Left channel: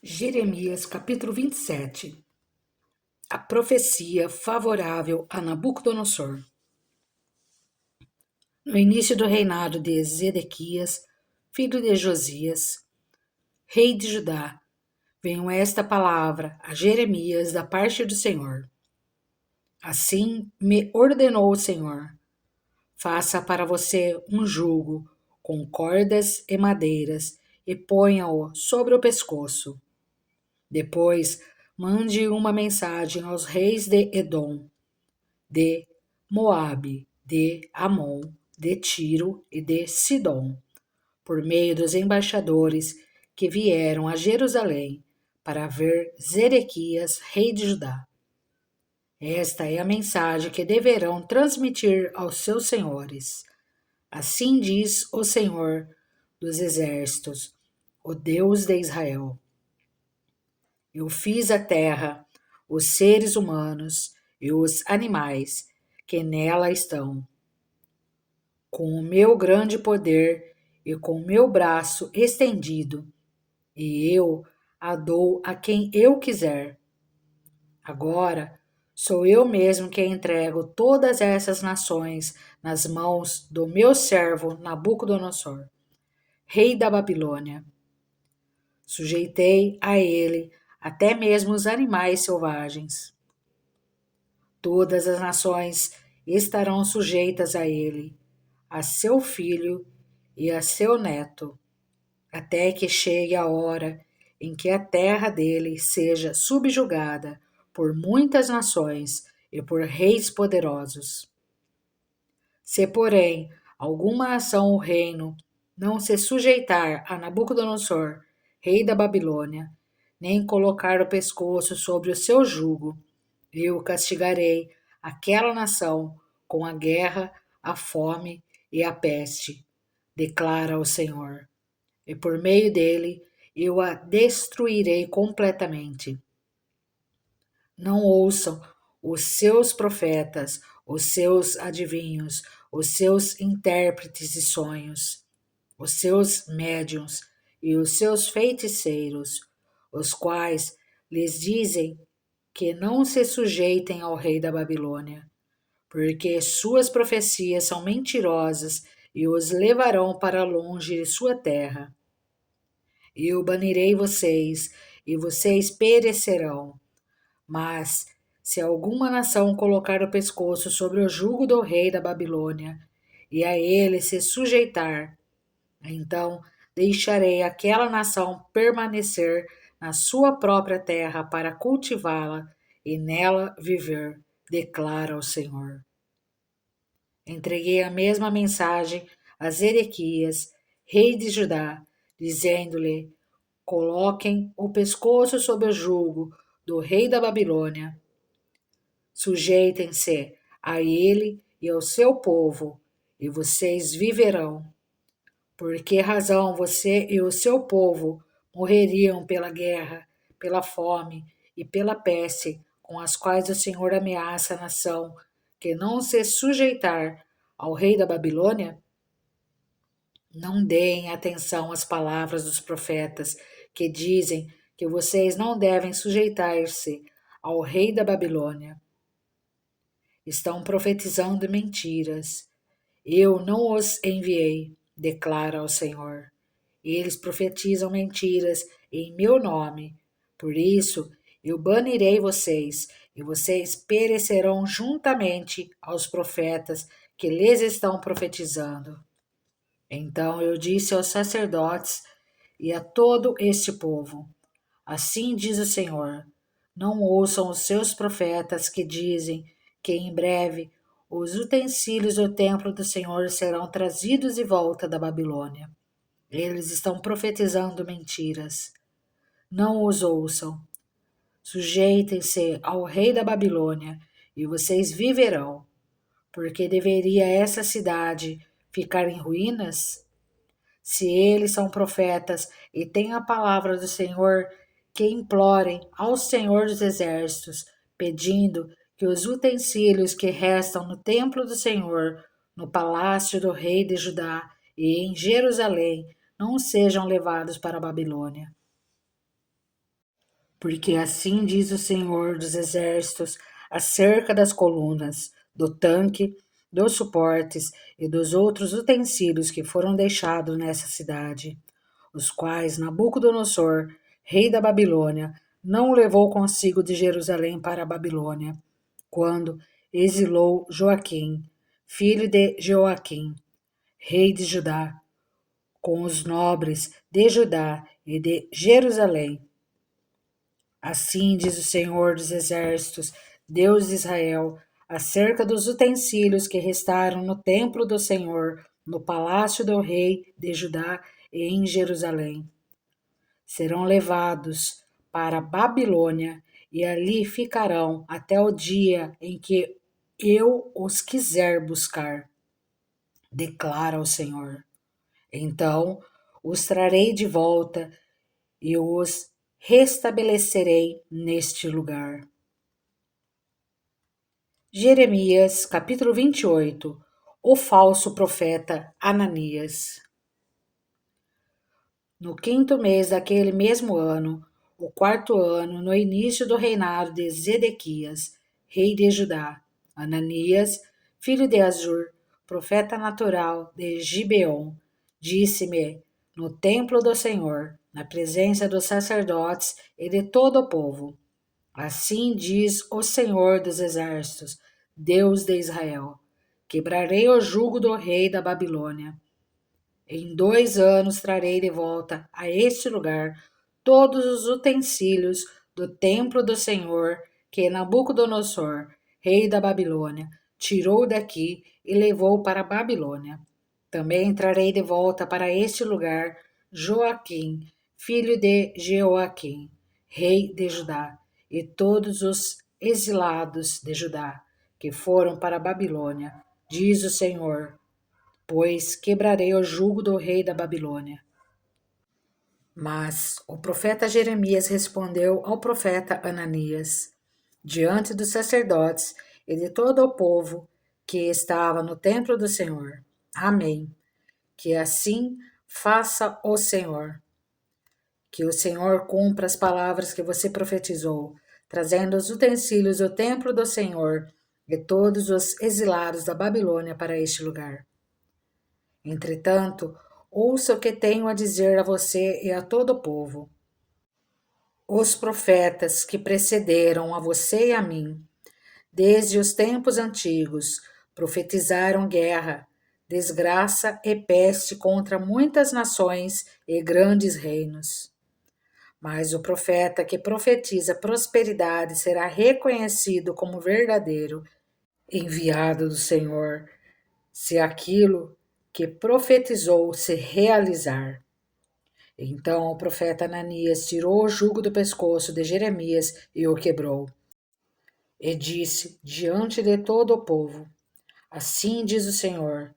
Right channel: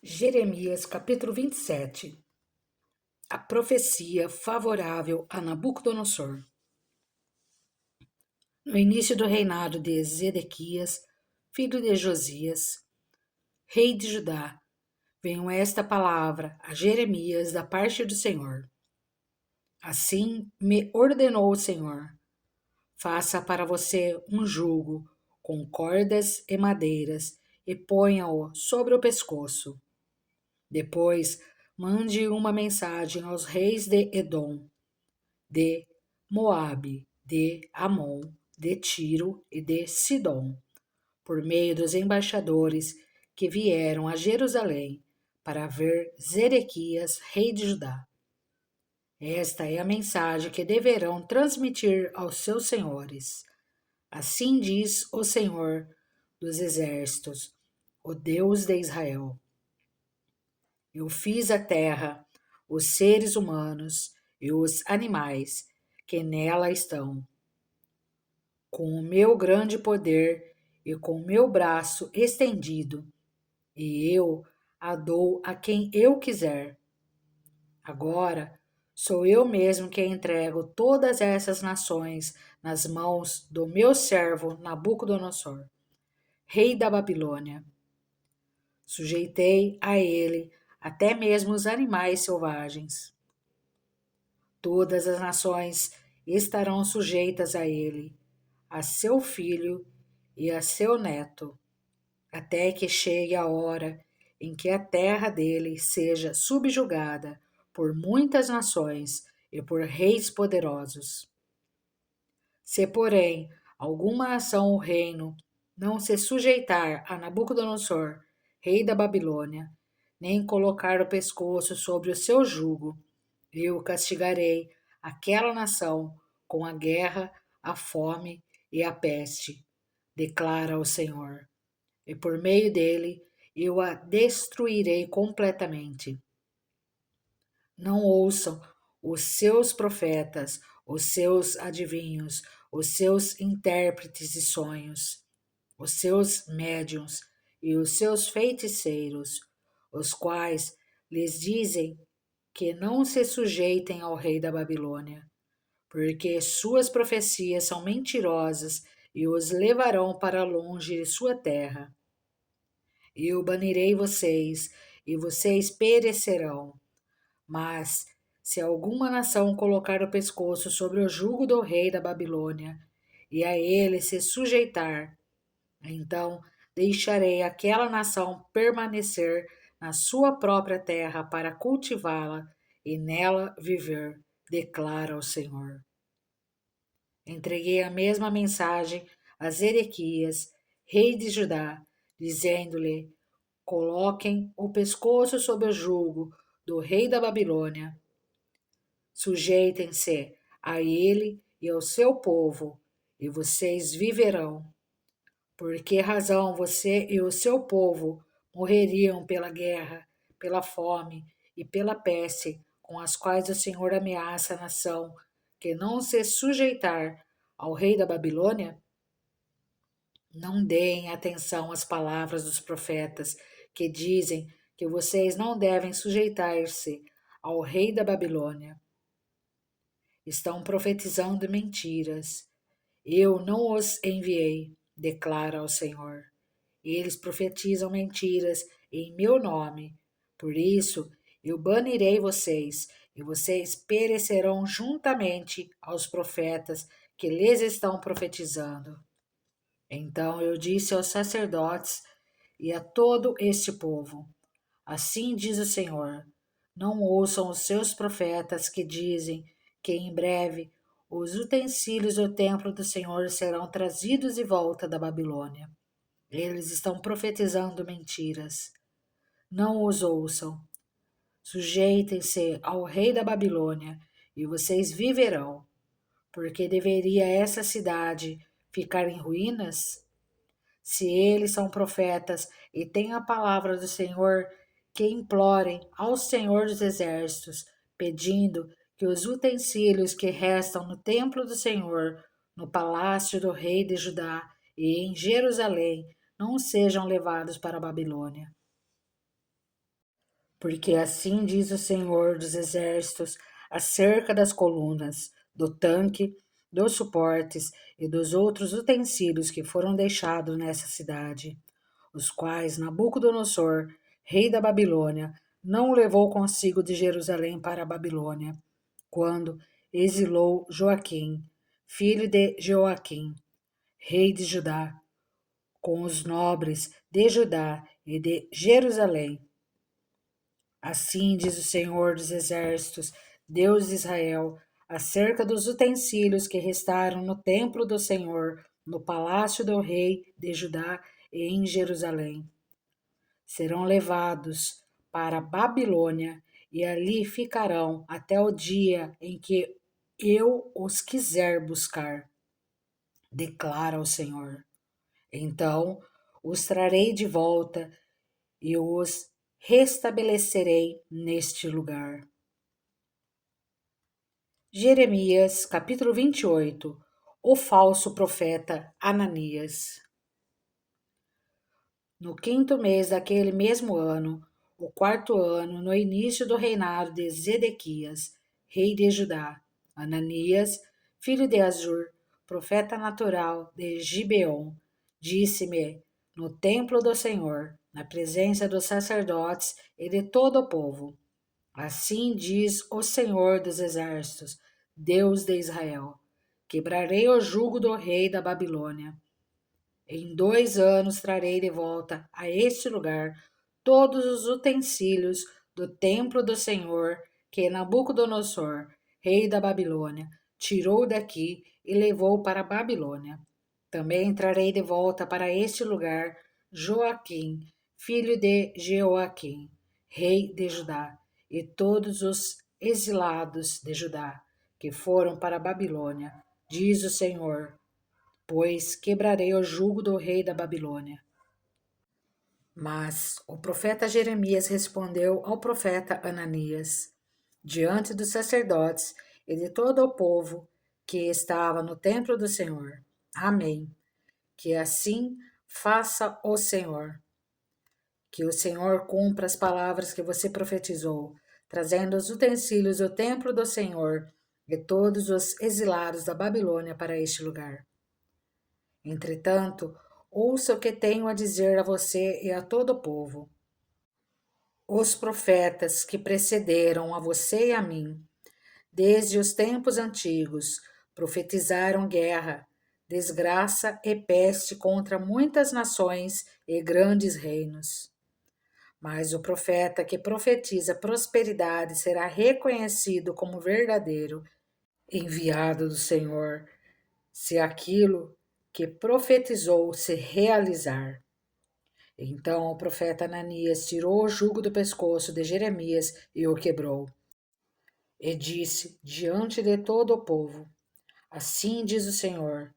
Jeremias capítulo 27. A profecia favorável a Nabucodonosor. No início do reinado de Zedequias, filho de Josias, rei de Judá, veio esta palavra a Jeremias da parte do Senhor. Assim me ordenou o Senhor: faça para você um jugo com cordas e madeiras e ponha-o sobre o pescoço. Depois, mande uma mensagem aos reis de Edom, de Moabe, de Amon, de Tiro e de Sidom, por meio dos embaixadores que vieram a Jerusalém para ver Zedequias, rei de Judá. Esta é a mensagem que deverão transmitir aos seus senhores. Assim diz o Senhor dos Exércitos, o Deus de Israel: eu fiz a terra, os seres humanos e os animais que nela estão, com o meu grande poder e com o meu braço estendido, e eu a dou a quem eu quiser. Agora sou eu mesmo que entrego todas essas nações nas mãos do meu servo Nabucodonosor, rei da Babilônia. Sujeitei a ele até mesmo os animais selvagens. Todas as nações estarão sujeitas a ele, a seu filho e a seu neto, até que chegue a hora em que a terra dele seja subjugada por muitas nações e por reis poderosos. Se, porém, alguma nação ou reino não se sujeitar a Nabucodonosor, rei da Babilônia, nem colocar o pescoço sobre o seu jugo, eu castigarei aquela nação com a guerra, a fome e a peste, declara o Senhor. E por meio dele eu a destruirei completamente. Não ouçam os seus profetas, os seus adivinhos, os seus intérpretes de sonhos, os seus médiuns e os seus feiticeiros, os quais lhes dizem que não se sujeitem ao rei da Babilônia, porque suas profecias são mentirosas e os levarão para longe de sua terra. Eu banirei vocês e vocês perecerão. Mas, se alguma nação colocar o pescoço sobre o jugo do rei da Babilônia e a ele se sujeitar, então deixarei aquela nação permanecer na sua própria terra para cultivá-la e nela viver, declara o Senhor. Entreguei a mesma mensagem a Zedequias, rei de Judá, dizendo-lhe: coloquem o pescoço sob o jugo do rei da Babilônia. Sujeitem-se a ele e ao seu povo, e vocês viverão. Por que razão você e o seu povo morreriam pela guerra, pela fome e pela peste com as quais o Senhor ameaça a nação que não se sujeitar ao rei da Babilônia? Não deem atenção às palavras dos profetas que dizem que vocês não devem sujeitar-se ao rei da Babilônia. Estão profetizando mentiras. Eu não os enviei, declara o Senhor. Eles profetizam mentiras em meu nome. Por isso, eu banirei vocês, e vocês perecerão juntamente aos profetas que lhes estão profetizando. Então eu disse aos sacerdotes e a todo este povo: assim diz o Senhor: não ouçam os seus profetas que dizem que em breve os utensílios do templo do Senhor serão trazidos de volta da Babilônia. Eles estão profetizando mentiras. Não os ouçam. Sujeitem-se ao rei da Babilônia e vocês viverão. Porque deveria essa cidade ficar em ruínas? Se eles são profetas e têm a palavra do Senhor, que implorem ao Senhor dos Exércitos, pedindo que os utensílios que restam no templo do Senhor, no palácio do rei de Judá e em Jerusalém, não sejam levados para a Babilônia. Porque assim diz o Senhor dos Exércitos acerca das colunas, do tanque, dos suportes e dos outros utensílios que foram deixados nessa cidade, os quais Nabucodonosor, rei da Babilônia, não levou consigo de Jerusalém para a Babilônia, quando exilou Joaquim, filho de Joaquim, rei de Judá, com os nobres de Judá e de Jerusalém. Assim diz o Senhor dos Exércitos, Deus de Israel, acerca dos utensílios que restaram no templo do Senhor, no palácio do rei de Judá e em Jerusalém. Serão levados para a Babilônia e ali ficarão até o dia em que eu os quiser buscar, declara o Senhor. Então os trarei de volta e os restabelecerei neste lugar. Jeremias, capítulo 28. O falso profeta Ananias. No quinto mês daquele mesmo ano, o quarto ano, no início do reinado de Zedequias, rei de Judá, Ananias, filho de Azur, profeta natural de Gibeon, disse-me no templo do Senhor, na presença dos sacerdotes e de todo o povo: Assim diz o Senhor dos Exércitos, Deus de Israel: Quebrarei o jugo do rei da Babilônia. Em 2 anos trarei de volta a este lugar todos os utensílios do templo do Senhor que Nabucodonosor, rei da Babilônia, tirou daqui e levou para a Babilônia. Também trarei de volta para este lugar Joaquim, filho de Jeoaquim, rei de Judá, e todos os exilados de Judá que foram para a Babilônia, diz o Senhor, pois quebrarei o jugo do rei da Babilônia. Mas o profeta Jeremias respondeu ao profeta Ananias, diante dos sacerdotes e de todo o povo que estava no templo do Senhor: Amém. Que assim faça o Senhor. Que o Senhor cumpra as palavras que você profetizou, trazendo os utensílios do templo do Senhor e todos os exilados da Babilônia para este lugar. Entretanto, ouça o que tenho a dizer a você e a todo o povo. Os profetas que precederam a você e a mim, desde os tempos antigos, profetizaram guerra, desgraça e peste contra muitas nações e grandes reinos. Mas o profeta que profetiza prosperidade será reconhecido como verdadeiro, enviado do Senhor, se aquilo que profetizou se realizar. Então o profeta Ananias tirou o jugo do pescoço de Jeremias e o quebrou. E disse diante de todo o povo: Assim diz o Senhor:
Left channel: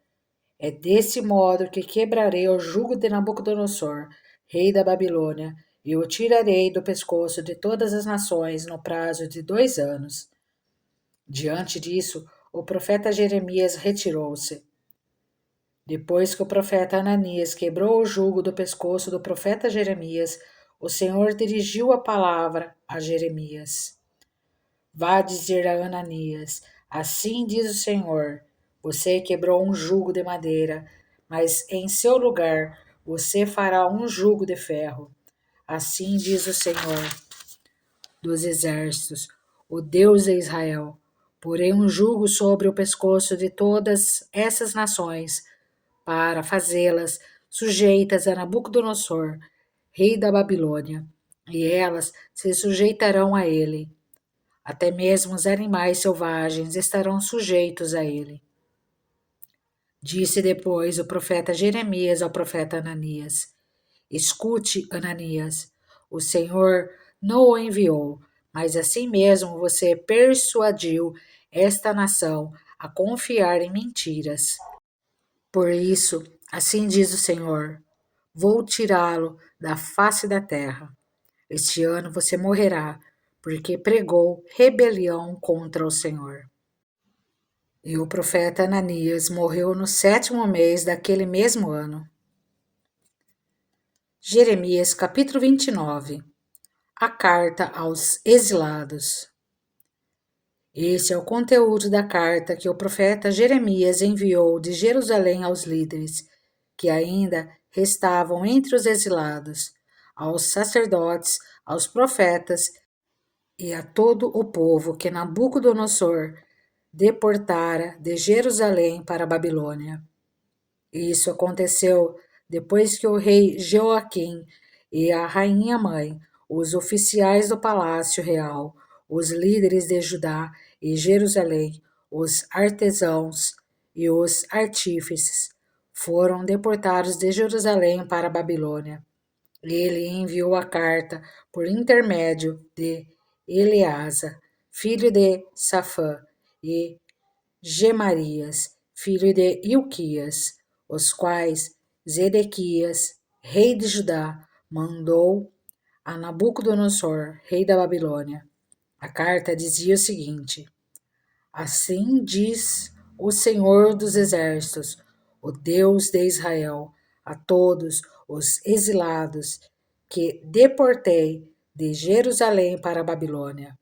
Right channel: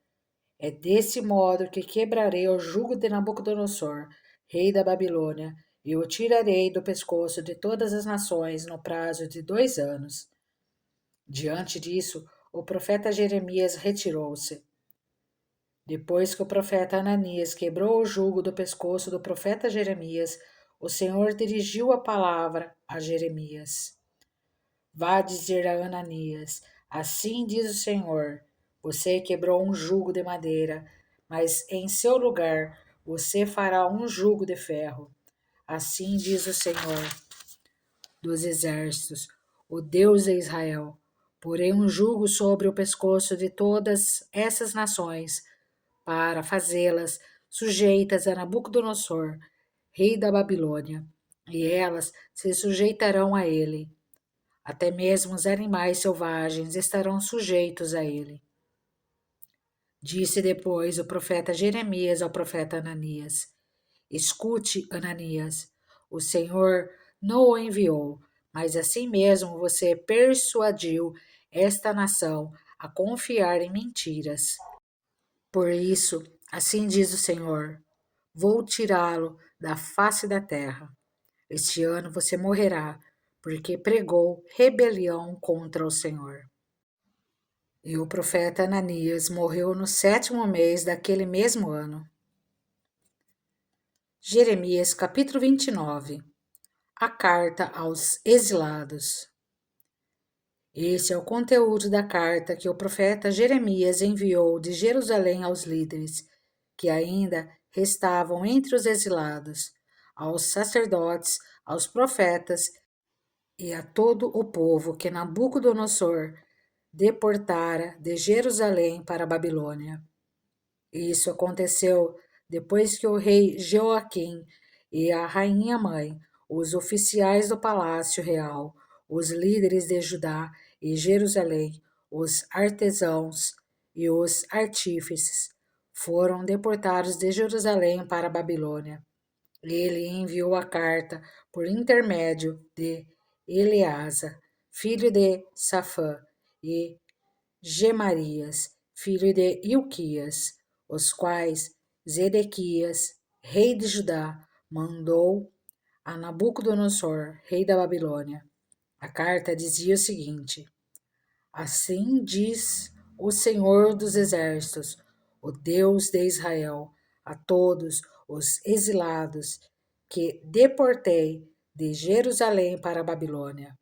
é desse modo que quebrarei o jugo de Nabucodonosor, rei da Babilônia, e o tirarei do pescoço de todas as nações no prazo de 2 anos. Diante disso, o profeta Jeremias retirou-se. Depois que o profeta Ananias quebrou o jugo do pescoço do profeta Jeremias, o Senhor dirigiu a palavra a Jeremias. Vá dizer a Ananias: Assim diz o Senhor: Você quebrou um jugo de madeira, mas em seu lugar você fará um jugo de ferro. Assim diz o Senhor dos Exércitos, o Deus de Israel: Porei um jugo sobre o pescoço de todas essas nações, para fazê-las sujeitas a Nabucodonosor, rei da Babilônia, e elas se sujeitarão a ele. Até mesmo os animais selvagens estarão sujeitos a ele. Disse depois o profeta Jeremias ao profeta Ananias: Escute, Ananias, o Senhor não o enviou, mas assim mesmo você persuadiu esta nação a confiar em mentiras. Por isso, assim diz o Senhor: vou tirá-lo da face da terra. Este ano você morrerá, porque pregou rebelião contra o Senhor. E o profeta Ananias morreu no 7º mês daquele mesmo ano. Jeremias capítulo 29. a carta aos exilados. Esse é o conteúdo da carta que o profeta Jeremias enviou de Jerusalém aos líderes, que ainda restavam entre os exilados, aos sacerdotes, aos profetas e a todo o povo que Nabucodonosor deportara de Jerusalém para a Babilônia. Isso aconteceu depois que o rei Joaquim e a rainha mãe, os oficiais do palácio real, os líderes de Judá e Jerusalém, os artesãos e os artífices foram deportados de Jerusalém para a Babilônia. Ele enviou a carta por intermédio de Eleasa, filho de Safã, e Gemarias, filho de Ilquias, os quais Zedequias, rei de Judá, mandou a Nabucodonosor, rei da Babilônia. A carta dizia o seguinte: Assim diz o Senhor dos Exércitos, o Deus de Israel, a todos os exilados que deportei de Jerusalém para a Babilônia.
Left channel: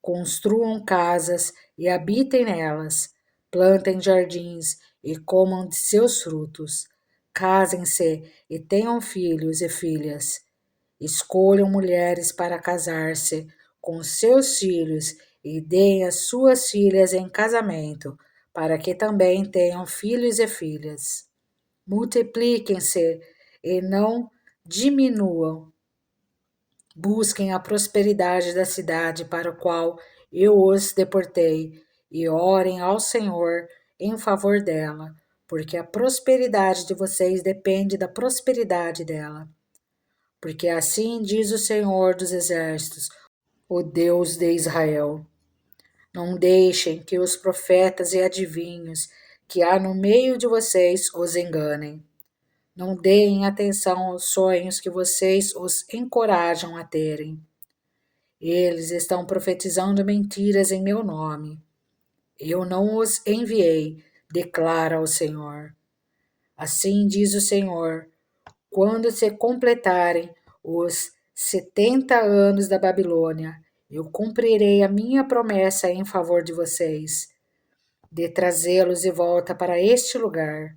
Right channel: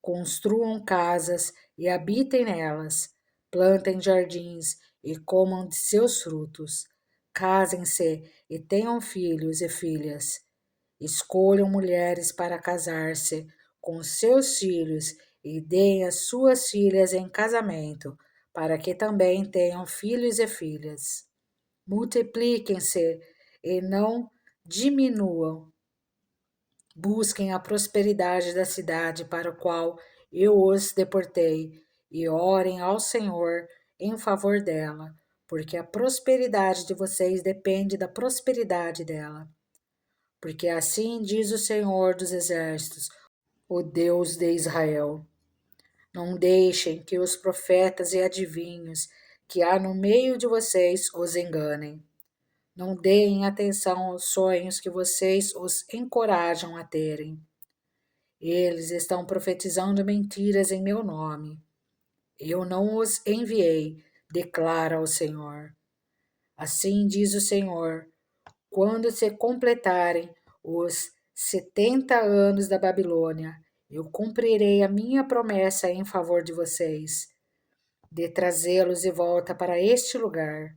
Construam casas e habitem nelas, plantem jardins e comam de seus frutos. Casem-se e tenham filhos e filhas. Escolham mulheres para casar-se com seus filhos e deem as suas filhas em casamento, para que também tenham filhos e filhas. Multipliquem-se e não diminuam. Busquem a prosperidade da cidade para a qual eu os deportei e orem ao Senhor em favor dela, porque a prosperidade de vocês depende da prosperidade dela. Porque assim diz o Senhor dos Exércitos, o Deus de Israel: Não deixem que os profetas e adivinhos que há no meio de vocês os enganem. Não deem atenção aos sonhos que vocês os encorajam a terem. Eles estão profetizando mentiras em meu nome. Eu não os enviei, declara o Senhor. Assim diz o Senhor: quando se completarem os 70 anos da Babilônia, eu cumprirei a minha promessa em favor de vocês, de trazê-los de volta para este lugar,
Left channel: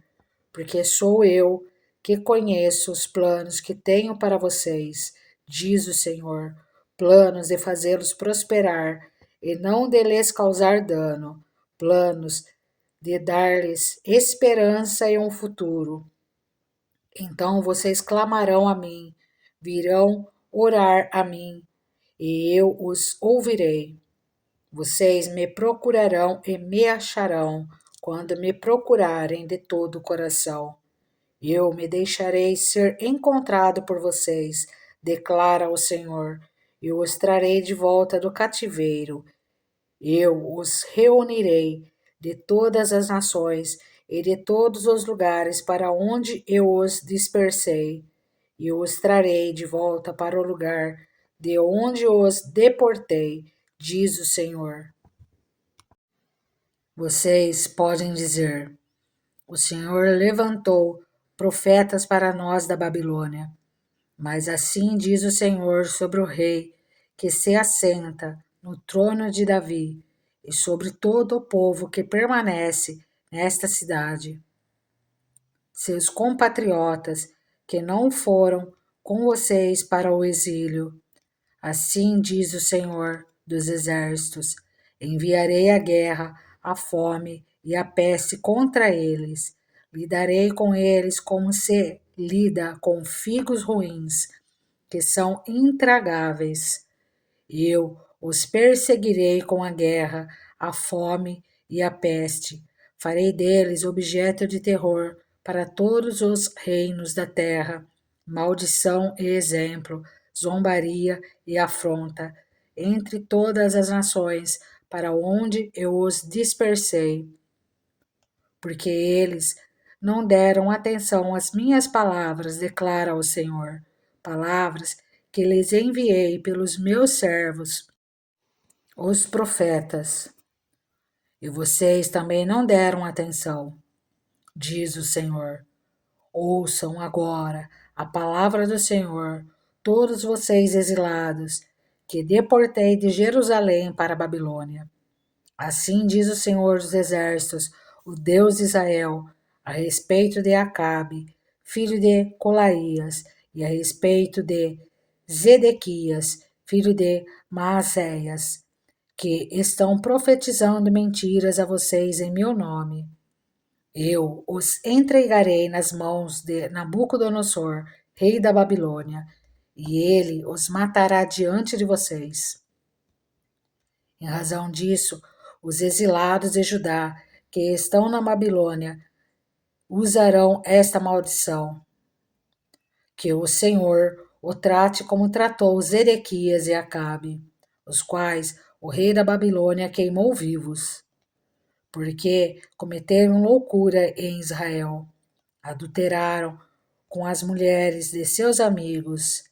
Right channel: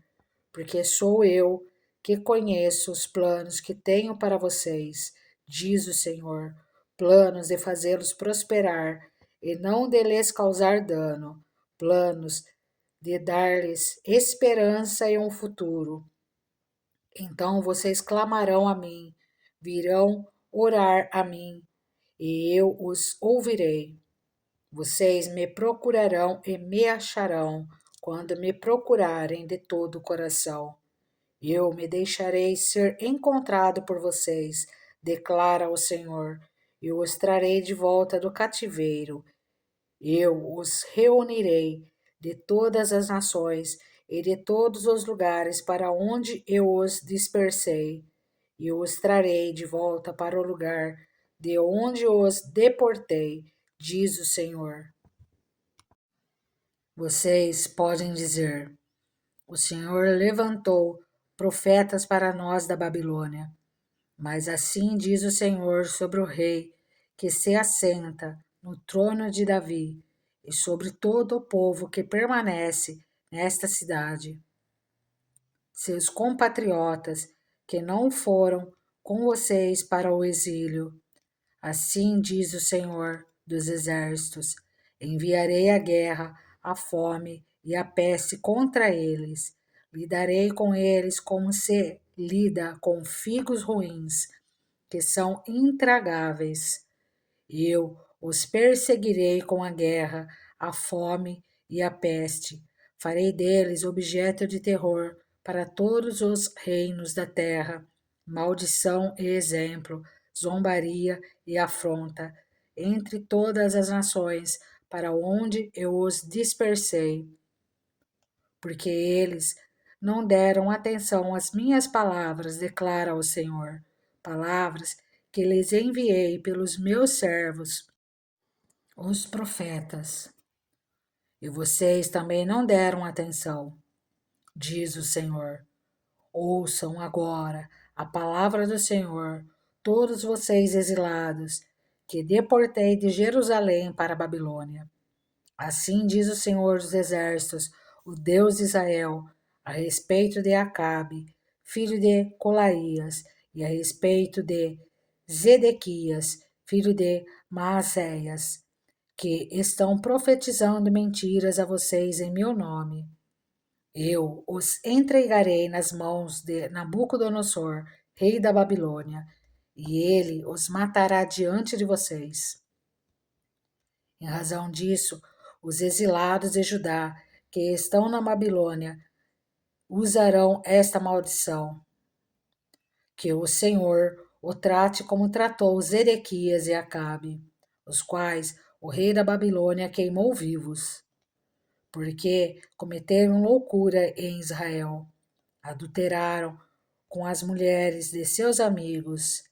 porque sou eu que conheço os planos que tenho para vocês, diz o Senhor, planos de fazê-los prosperar e não de lhes causar dano, planos de dar-lhes esperança e um futuro. Então vocês clamarão a mim, virão orar a mim, e eu os ouvirei. Vocês me procurarão e me acharão quando me procurarem de todo o coração. Eu me deixarei ser encontrado por vocês, declara o Senhor. Eu os trarei de volta do cativeiro. Eu os reunirei de todas as nações e de todos os lugares para onde eu os dispersei, e os trarei de volta para o lugar de onde os deportei, diz o Senhor. Vocês podem dizer: O Senhor levantou profetas para nós da Babilônia. Mas assim diz o Senhor sobre o rei que se assenta no trono de Davi e sobre todo o povo que permanece nesta cidade. Seus compatriotas que não foram com vocês para o exílio. Assim diz o Senhor dos Exércitos: enviarei a guerra, a fome e a peste contra eles. Lidarei com eles como se lida com figos ruins, que são intragáveis. Eu os perseguirei com a guerra, a fome e a peste. Farei deles objeto de terror para todos os reinos da terra, maldição e exemplo, zombaria e afronta, entre todas as nações para onde eu os dispersei. Porque eles não deram atenção às minhas palavras, declara o Senhor, palavras que lhes enviei pelos meus servos, os profetas. E vocês também não deram atenção, diz o Senhor. Ouçam agora a palavra do Senhor, todos vocês exilados, que deportei de Jerusalém para a Babilônia. Assim diz o Senhor dos Exércitos, o Deus de Israel, a respeito de Acabe, filho de Colaías, e a respeito de Zedequias, filho de Maacéias, que estão profetizando mentiras a vocês em meu nome. Eu os entregarei nas mãos de Nabucodonosor, rei da Babilônia, e ele os matará diante de vocês. Em razão disso, os exilados de Judá, que estão na Babilônia, usarão esta maldição, que o Senhor o trate como tratou Zedequias e Acabe, os quais o rei da Babilônia queimou vivos, porque cometeram loucura em Israel, adulteraram com as mulheres de seus amigos,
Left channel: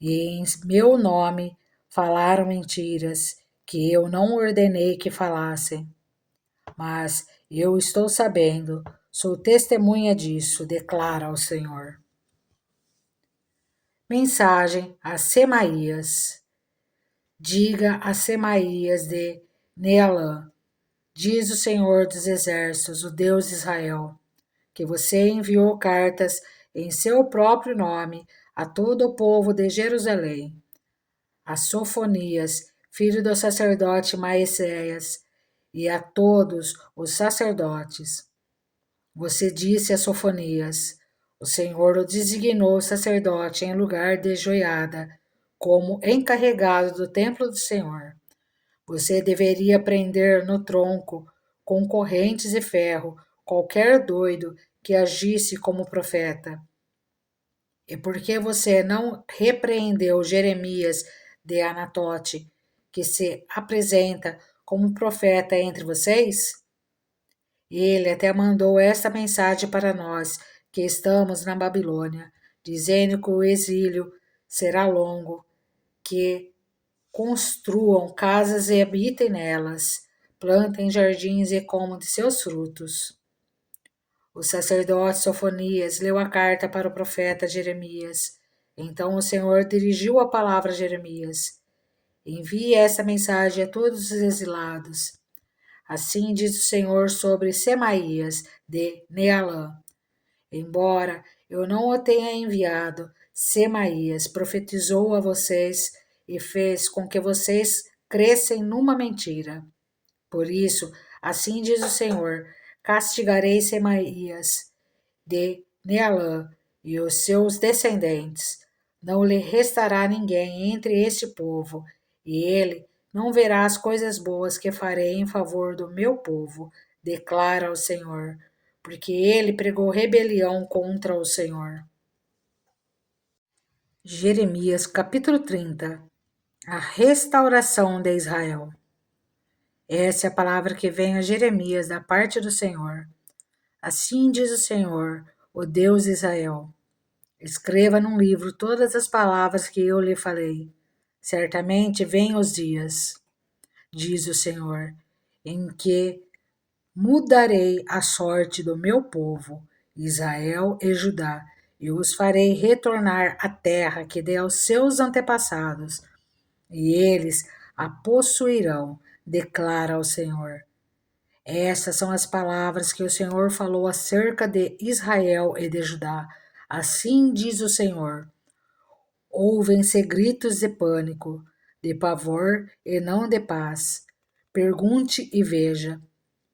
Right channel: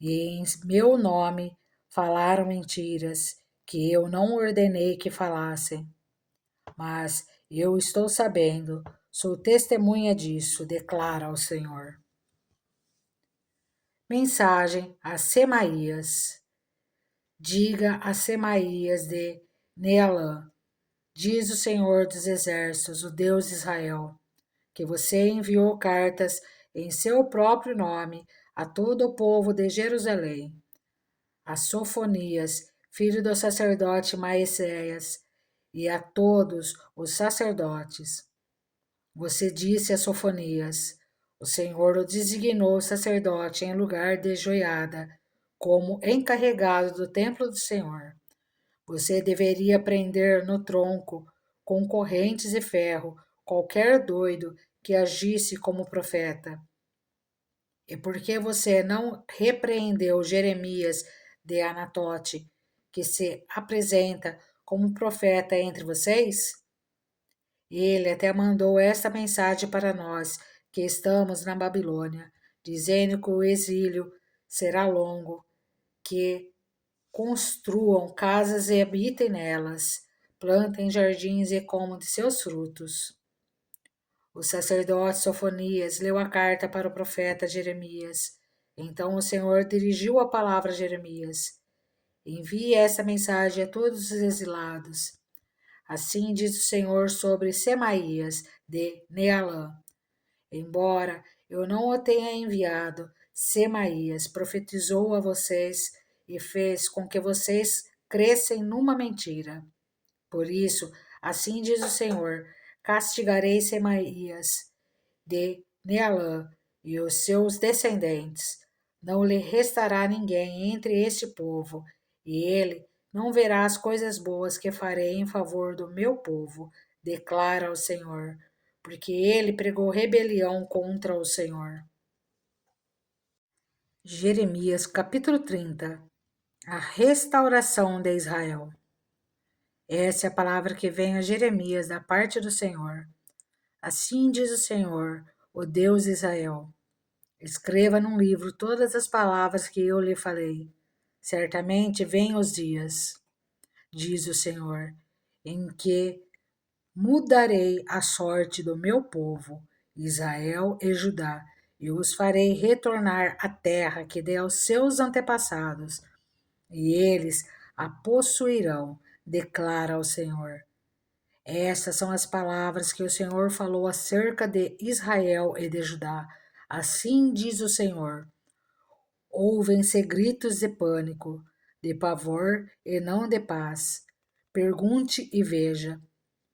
e em meu nome falaram mentiras que eu não ordenei que falassem. Mas eu estou sabendo, sou testemunha disso, declara o Senhor. Mensagem a Semaías. Diga a Semaías de Nealã, diz o Senhor dos Exércitos, o Deus de Israel, que você enviou cartas em seu próprio nome a todo o povo de Jerusalém, a Sofonias, filho do sacerdote Maecéias, e a todos os sacerdotes. Você disse a Sofonias: o Senhor o designou sacerdote em lugar de Joiada, como encarregado do templo do Senhor. Você deveria prender no tronco, com correntes e ferro, qualquer doido que agisse como profeta. E por que você não repreendeu Jeremias de Anatote, que se apresenta como profeta entre vocês? Ele até mandou esta mensagem para nós, que estamos na Babilônia, dizendo que o exílio será longo, que construam casas e habitem nelas, plantem jardins e comam de seus frutos. O sacerdote Sofonias leu a carta para o profeta Jeremias. Então o Senhor dirigiu a palavra a Jeremias: envie essa mensagem a todos os exilados. Assim diz o Senhor sobre Semaías de Nealã. Embora eu não o tenha enviado, Semaías profetizou a vocês e fez com que vocês crescem numa mentira. Por isso, assim diz o Senhor, castigarei Semaías de Nealã e os seus descendentes. Não lhe restará ninguém entre este povo, e ele não verá as coisas boas que farei em favor do meu povo, declara o Senhor, porque ele pregou rebelião contra o Senhor. Jeremias capítulo 30. A restauração de Israel. Essa é a palavra que vem a Jeremias da parte do Senhor. Assim diz o Senhor, o Deus de Israel: escreva num livro todas as palavras que eu lhe falei. Certamente vêm os dias, diz o Senhor, em que mudarei a sorte do meu povo, Israel e Judá, e os farei retornar à terra que dei aos seus antepassados, e eles a possuirão, declara o Senhor. Essas são as palavras que o Senhor falou acerca de Israel e de Judá. Assim diz o Senhor: ouvem-se gritos de pânico, de pavor e não de paz. Pergunte e veja:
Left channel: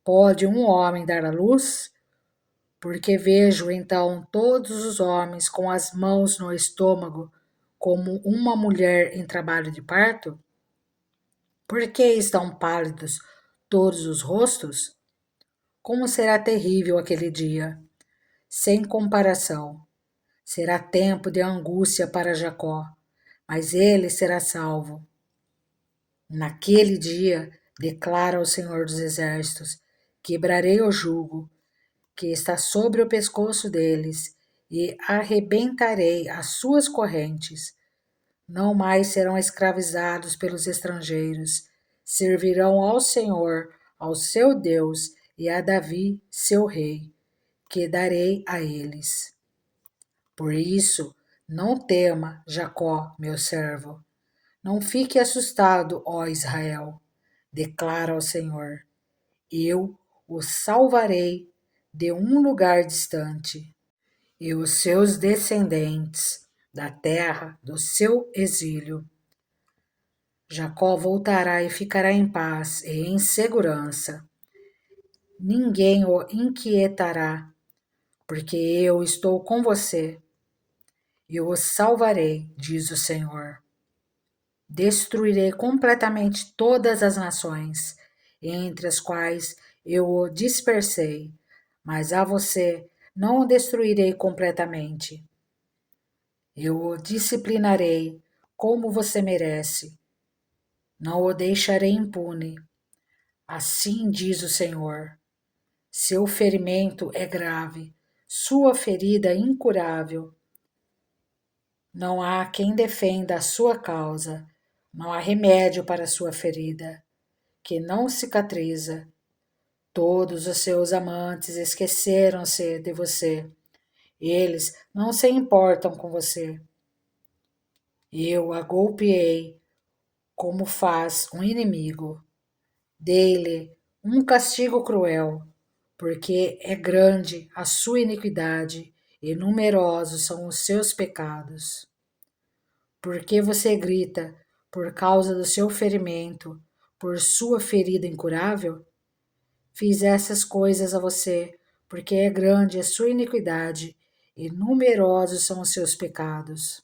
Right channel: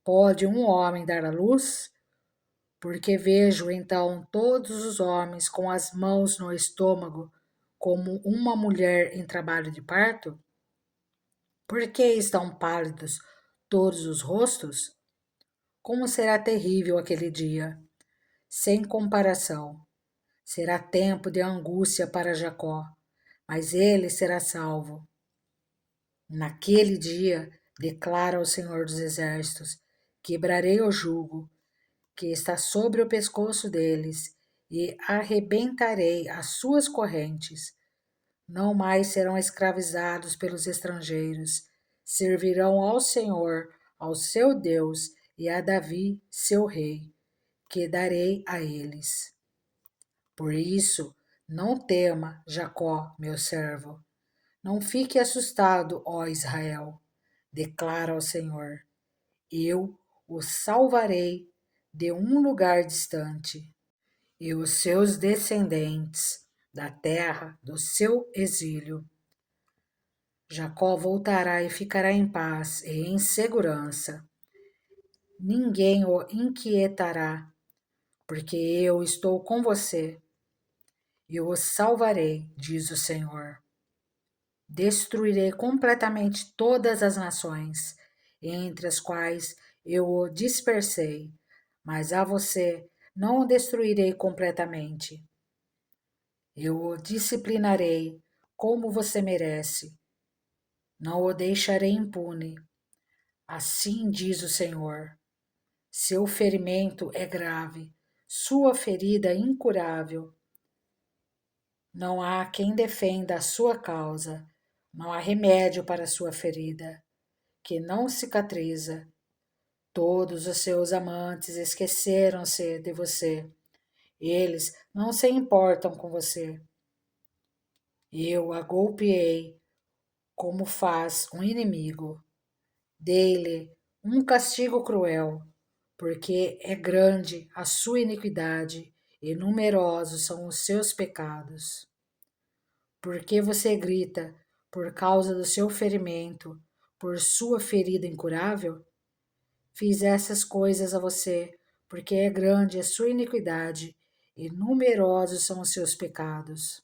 pode um homem dar à luz? Porque vejo então todos os homens com as mãos no estômago, como uma mulher em trabalho de parto? Por que estão pálidos todos os rostos? Como será terrível aquele dia! Sem comparação. Será tempo de angústia para Jacó, mas ele será salvo. Naquele dia, declara o Senhor dos Exércitos, quebrarei o jugo que está sobre o pescoço deles e arrebentarei as suas correntes. Não mais serão escravizados pelos estrangeiros, servirão ao Senhor, ao seu Deus e a Davi, seu rei, que darei a eles. Por isso, Não tema, Jacó, meu servo. Não fique assustado, ó Israel, declara o Senhor. Eu o salvarei de um lugar distante, e os seus descendentes da terra do seu exílio. Jacó voltará e ficará em paz e em segurança. Ninguém o inquietará, porque eu estou com você. Eu o salvarei, diz o Senhor. Destruirei completamente todas as nações, entre as quais eu o dispersei, mas a você não o destruirei completamente. Eu o disciplinarei como você merece. Não o deixarei impune. Assim diz o Senhor. Seu ferimento é grave, sua ferida é incurável. Não há quem defenda a sua causa, não há remédio para a sua ferida, que não cicatriza. Todos os seus amantes esqueceram-se de você. Eles não se importam com você. Eu a golpeei como faz um inimigo. Dei-lhe um castigo cruel, porque é grande a sua iniquidade e numerosos são os seus pecados. Porque você grita por causa do seu ferimento, por sua ferida incurável? Fiz essas coisas a você, porque é grande a sua iniquidade e numerosos são os seus pecados.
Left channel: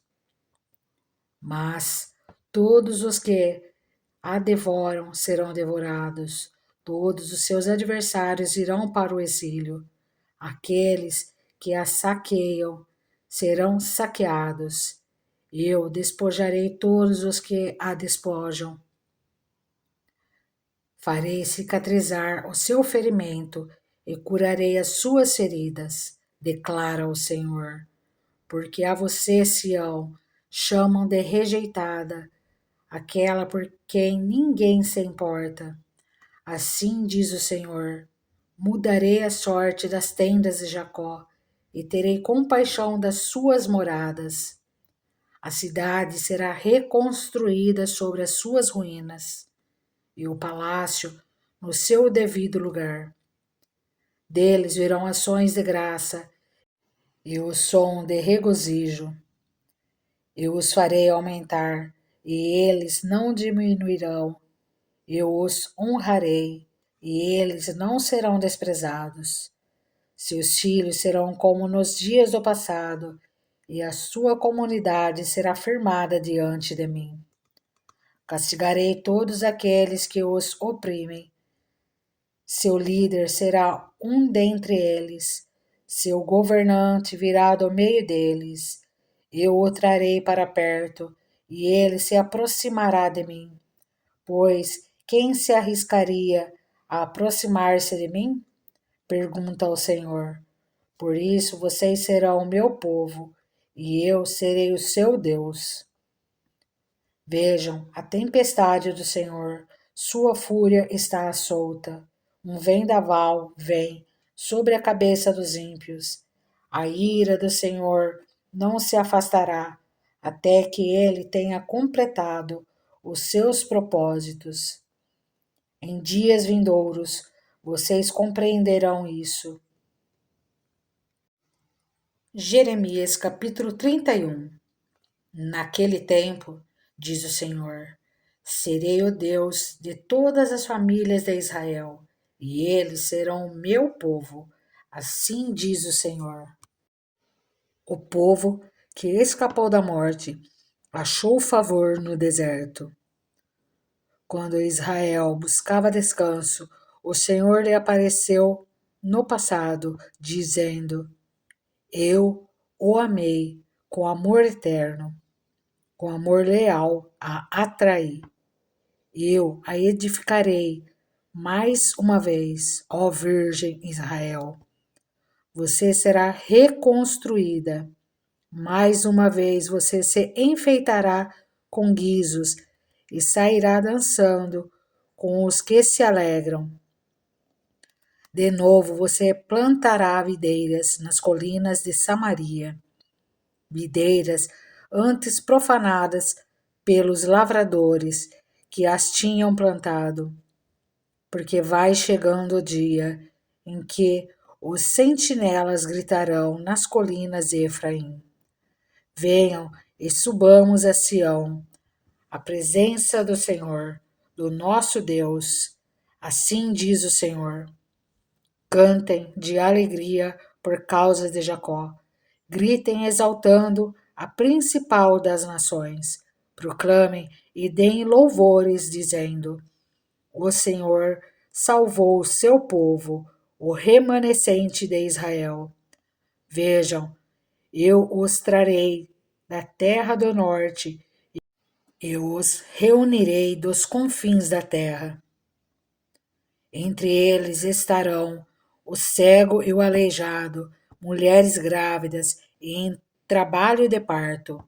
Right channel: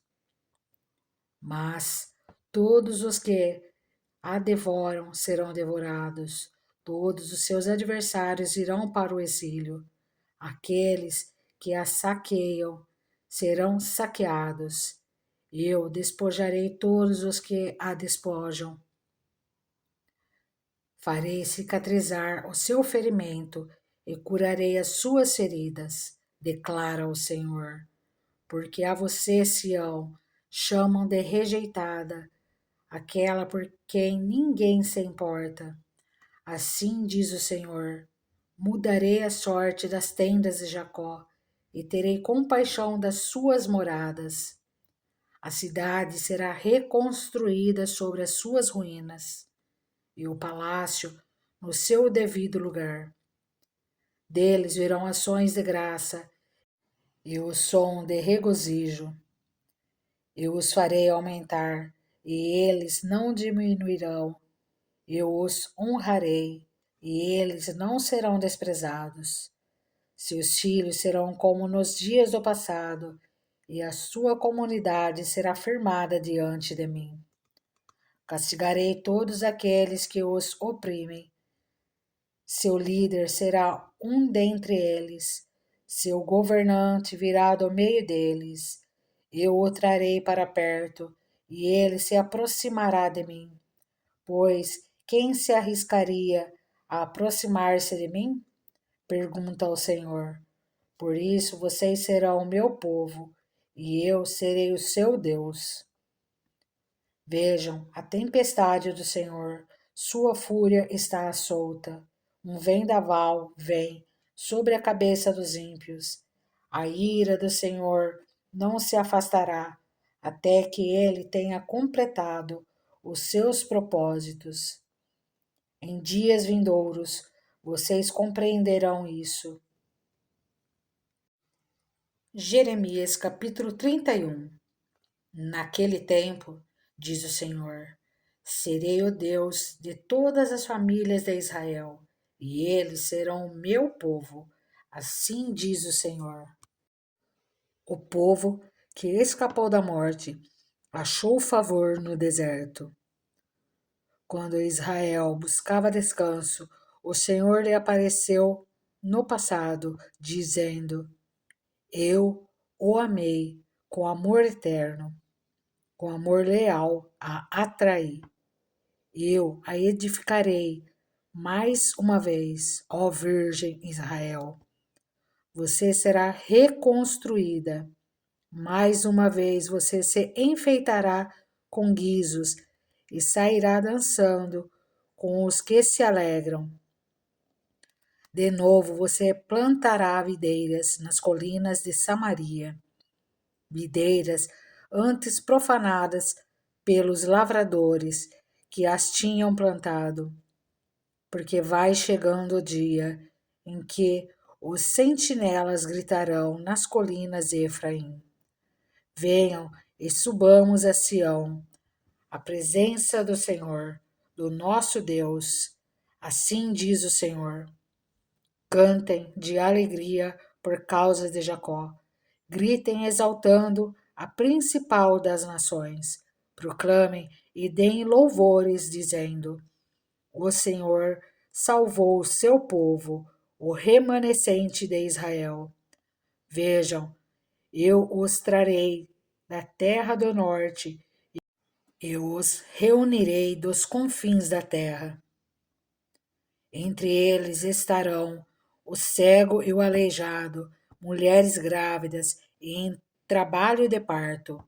Mas todos os que a devoram serão devorados, todos os seus adversários irão para o exílio. Aqueles que a saqueiam serão saqueados. Eu despojarei todos os que a despojam. Farei cicatrizar o seu ferimento e curarei as suas feridas, declara o Senhor. Porque a você, Sião, chamam de rejeitada, aquela por quem ninguém se importa. Assim diz o Senhor: mudarei a sorte das tendas de Jacó e terei compaixão das suas moradas. A cidade será reconstruída sobre as suas ruínas, e o palácio no seu devido lugar. Deles virão ações de graça e o som de regozijo. Eu os farei aumentar, e eles não diminuirão. Eu os honrarei, e eles não serão desprezados. Seus filhos serão como nos dias do passado, e a sua comunidade será firmada diante de mim. Castigarei todos aqueles que os oprimem. Seu líder será um dentre eles, seu governante virá do meio deles. Eu o trarei para perto, e ele se aproximará de mim. Pois quem se arriscaria a aproximar-se de mim? Pergunta o Senhor. Por isso vocês serão o meu povo, e eu serei o seu Deus. Vejam a tempestade do Senhor, sua fúria está solta. Um vendaval vem sobre a cabeça dos ímpios. A ira do Senhor não se afastará até que ele tenha completado os seus propósitos. Em dias vindouros, vocês compreenderão isso. Jeremias capítulo 31. Naquele tempo, diz o Senhor, serei o Deus de todas as famílias de Israel, e eles serão o meu povo. Assim diz o Senhor. O povo que escapou da morte achou favor no deserto. Quando Israel buscava descanso, o Senhor lhe apareceu no passado, dizendo: Eu o amei com amor eterno, com amor leal a atraí. Eu a edificarei mais uma vez, ó Virgem Israel. Você será reconstruída. Mais uma vez você se enfeitará com guizos e sairá dançando com os que se alegram. De novo você plantará videiras nas colinas de Samaria. videiras antes profanadas pelos lavradores que as tinham plantado, porque vai chegando o dia em que os sentinelas gritarão nas colinas de Efraim: venham e subamos a Sião, a presença do Senhor, do nosso Deus. Assim diz o Senhor: cantem de alegria por causa de Jacó, gritem exaltando a principal das nações, proclamem e deem louvores, dizendo: o Senhor salvou o seu povo, o remanescente de Israel. Vejam, eu os trarei da terra do norte, eu os reunirei dos confins da terra. Entre eles estarão o cego e o aleijado, mulheres grávidas e em trabalho de parto.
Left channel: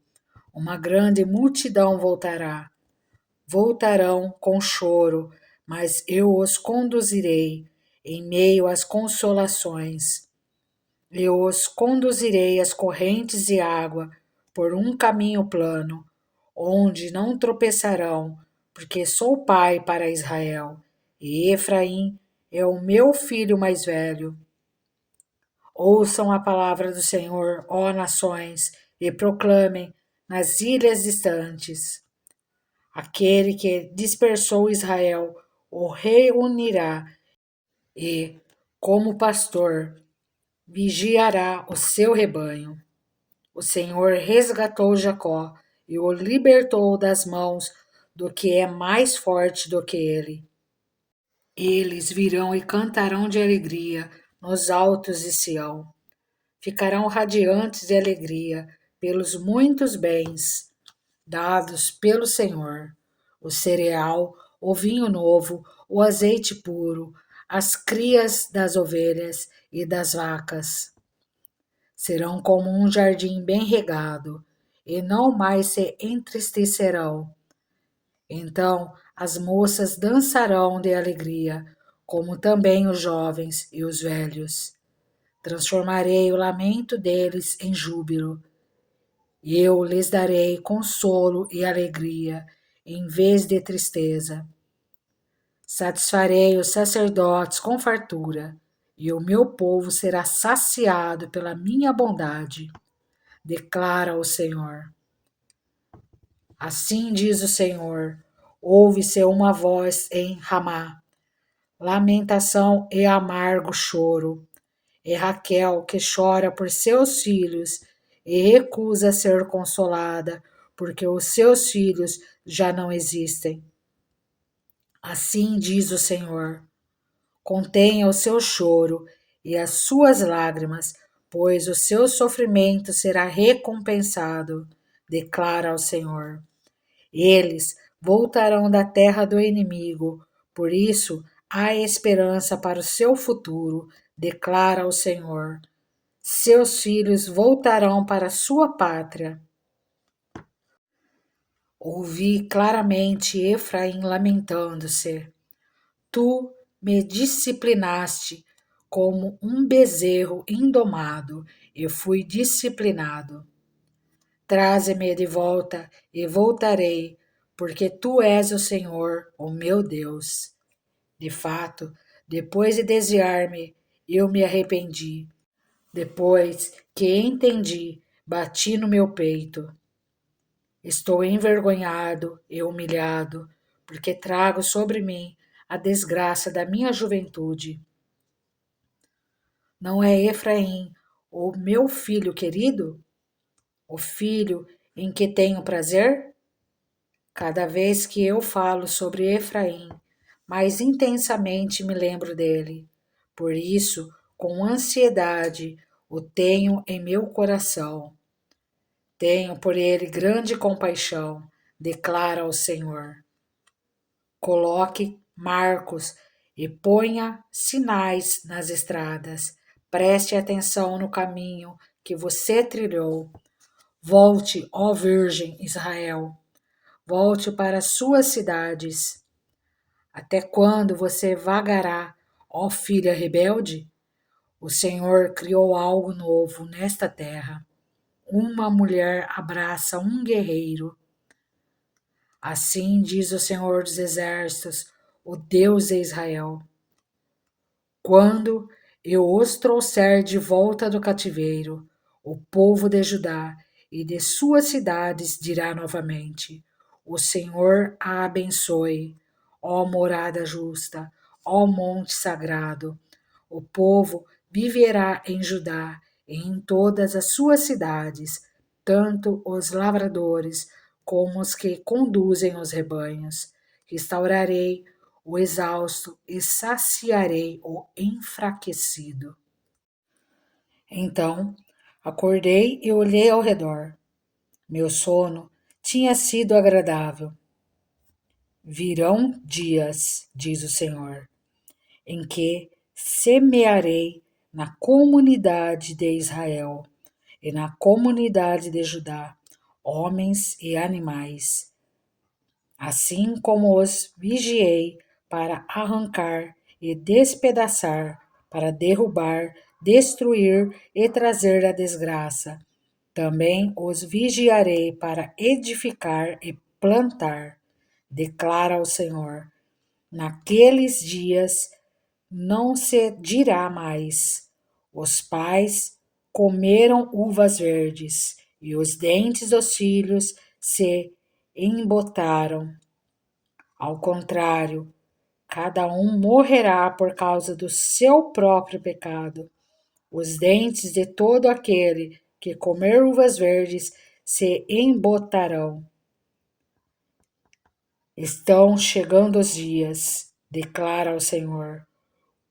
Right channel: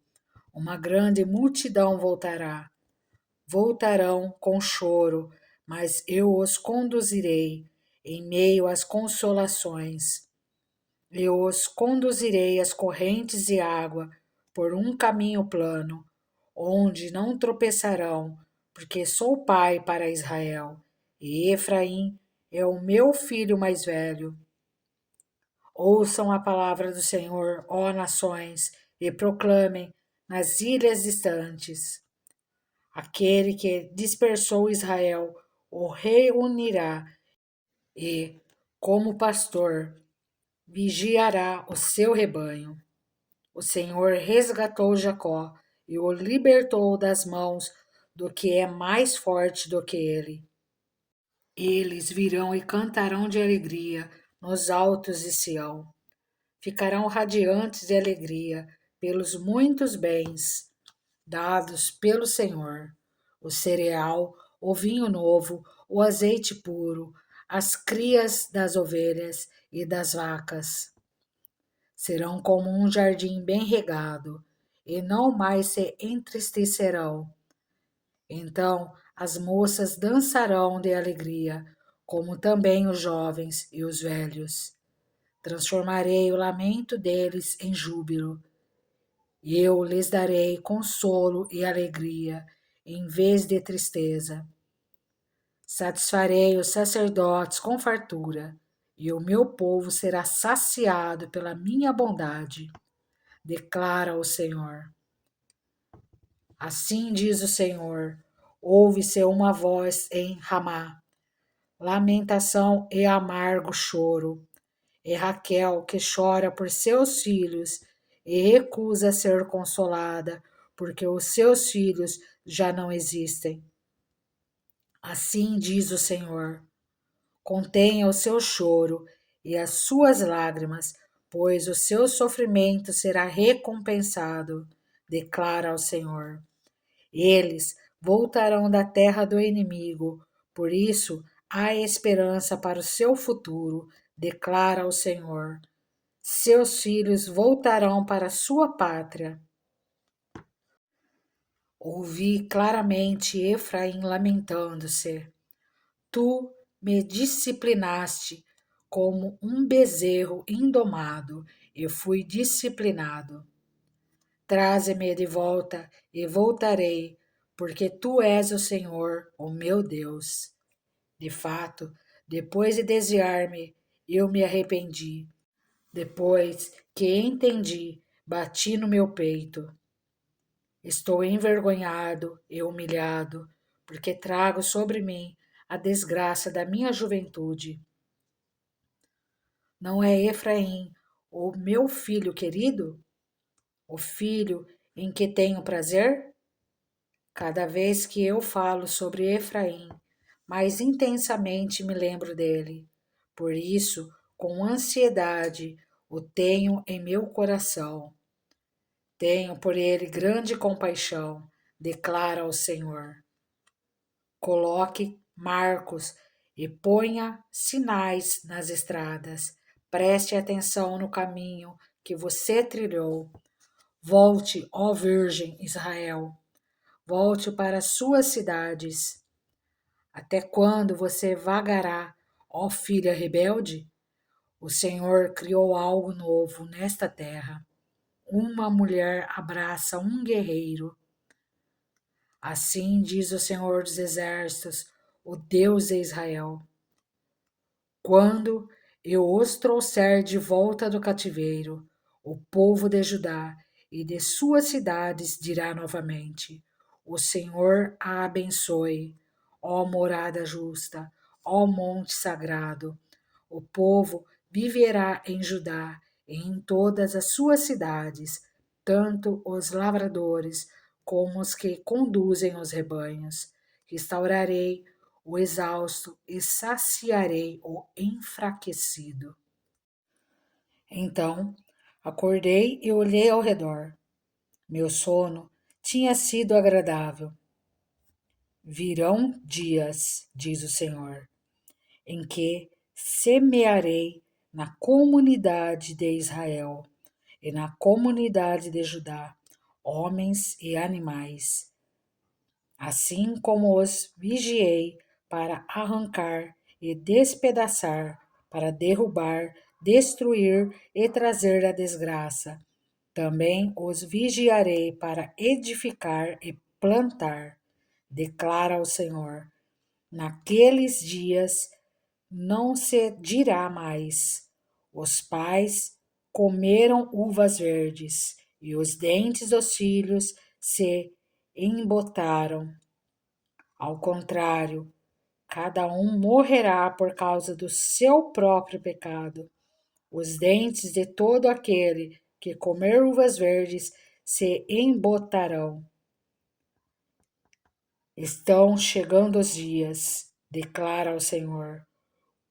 Uma grande multidão voltarão com choro, mas eu os conduzirei em meio às consolações. Eu os conduzirei às correntes de água por um caminho plano, onde não tropeçarão, porque sou pai para Israel, e Efraim é o meu filho mais velho. Ouçam a palavra do Senhor, ó nações, e proclamem nas ilhas distantes. Aquele que dispersou Israel o reunirá e, como pastor, vigiará o seu rebanho. O Senhor resgatou Jacó e o libertou das mãos do que é mais forte do que ele. Eles virão e cantarão de alegria nos altos de Sião. Ficarão radiantes de alegria pelos muitos bens dados pelo Senhor: o cereal, o vinho novo, o azeite puro, as crias das ovelhas e das vacas. Serão como um jardim bem regado, e não mais se entristecerão. Então as moças dançarão de alegria, como também os jovens e os velhos. Transformarei o lamento deles em júbilo. Eu lhes darei consolo e alegria, em vez de tristeza. Satisfarei os sacerdotes com fartura, e o meu povo será saciado pela minha bondade, declara o Senhor. Assim diz o Senhor: ouve-se uma voz em Ramá, lamentação e amargo choro. É Raquel que chora por seus filhos e recusa ser consolada, porque os seus filhos já não existem. Assim diz o Senhor: contenha o seu choro e as suas lágrimas, pois o seu sofrimento será recompensado, declara o Senhor. Eles voltarão da terra do inimigo, por isso há esperança para o seu futuro, declara o Senhor. Seus filhos voltarão para a sua pátria. Ouvi claramente Efraim lamentando-se. Tu me disciplinaste como um bezerro indomado, e fui disciplinado. Traze-me de volta e voltarei, porque tu és o Senhor, o meu Deus. De fato, depois de desviar-me, eu me arrependi. Depois que entendi, bati no meu peito. Estou envergonhado e humilhado, porque trago sobre mim a desgraça da minha juventude. Não é Efraim, o meu filho querido? O filho em que tenho prazer? Cada vez que eu falo sobre Efraim, mais intensamente me lembro dele. Por isso, com ansiedade, o tenho em meu coração. Tenho por ele grande compaixão, declara o Senhor. Coloque marcos e ponha sinais nas estradas. Preste atenção no caminho que você trilhou. Volte, ó Virgem Israel. Volte para suas cidades. Até quando você vagará, ó filha rebelde? O Senhor criou algo novo nesta terra. uma mulher abraça um guerreiro. Assim diz o Senhor dos Exércitos, o Deus de Israel: quando eu os trouxer de volta do cativeiro, o povo de Judá e de suas cidades dirá novamente: o Senhor a abençoe, ó morada justa, ó monte sagrado. O povo viverá em Judá e em todas as suas cidades, tanto os lavradores como os que conduzem os rebanhos. Restaurarei o exausto e saciarei o enfraquecido. Então acordei e olhei ao redor. Meu sono tinha sido agradável. Virão dias, diz o Senhor, em que semearei na comunidade de Israel e na comunidade de Judá, homens e animais, assim como os vigiei para arrancar e despedaçar, para derrubar, destruir e trazer a desgraça. Também os vigiarei para edificar e plantar, declara o Senhor. Naqueles dias não se dirá mais: os pais comeram uvas verdes e os dentes dos filhos se embotaram. Ao contrário, cada um morrerá por causa do seu próprio pecado. Os dentes de todo aquele que comer uvas verdes se embotarão. Estão chegando os dias, declara o Senhor,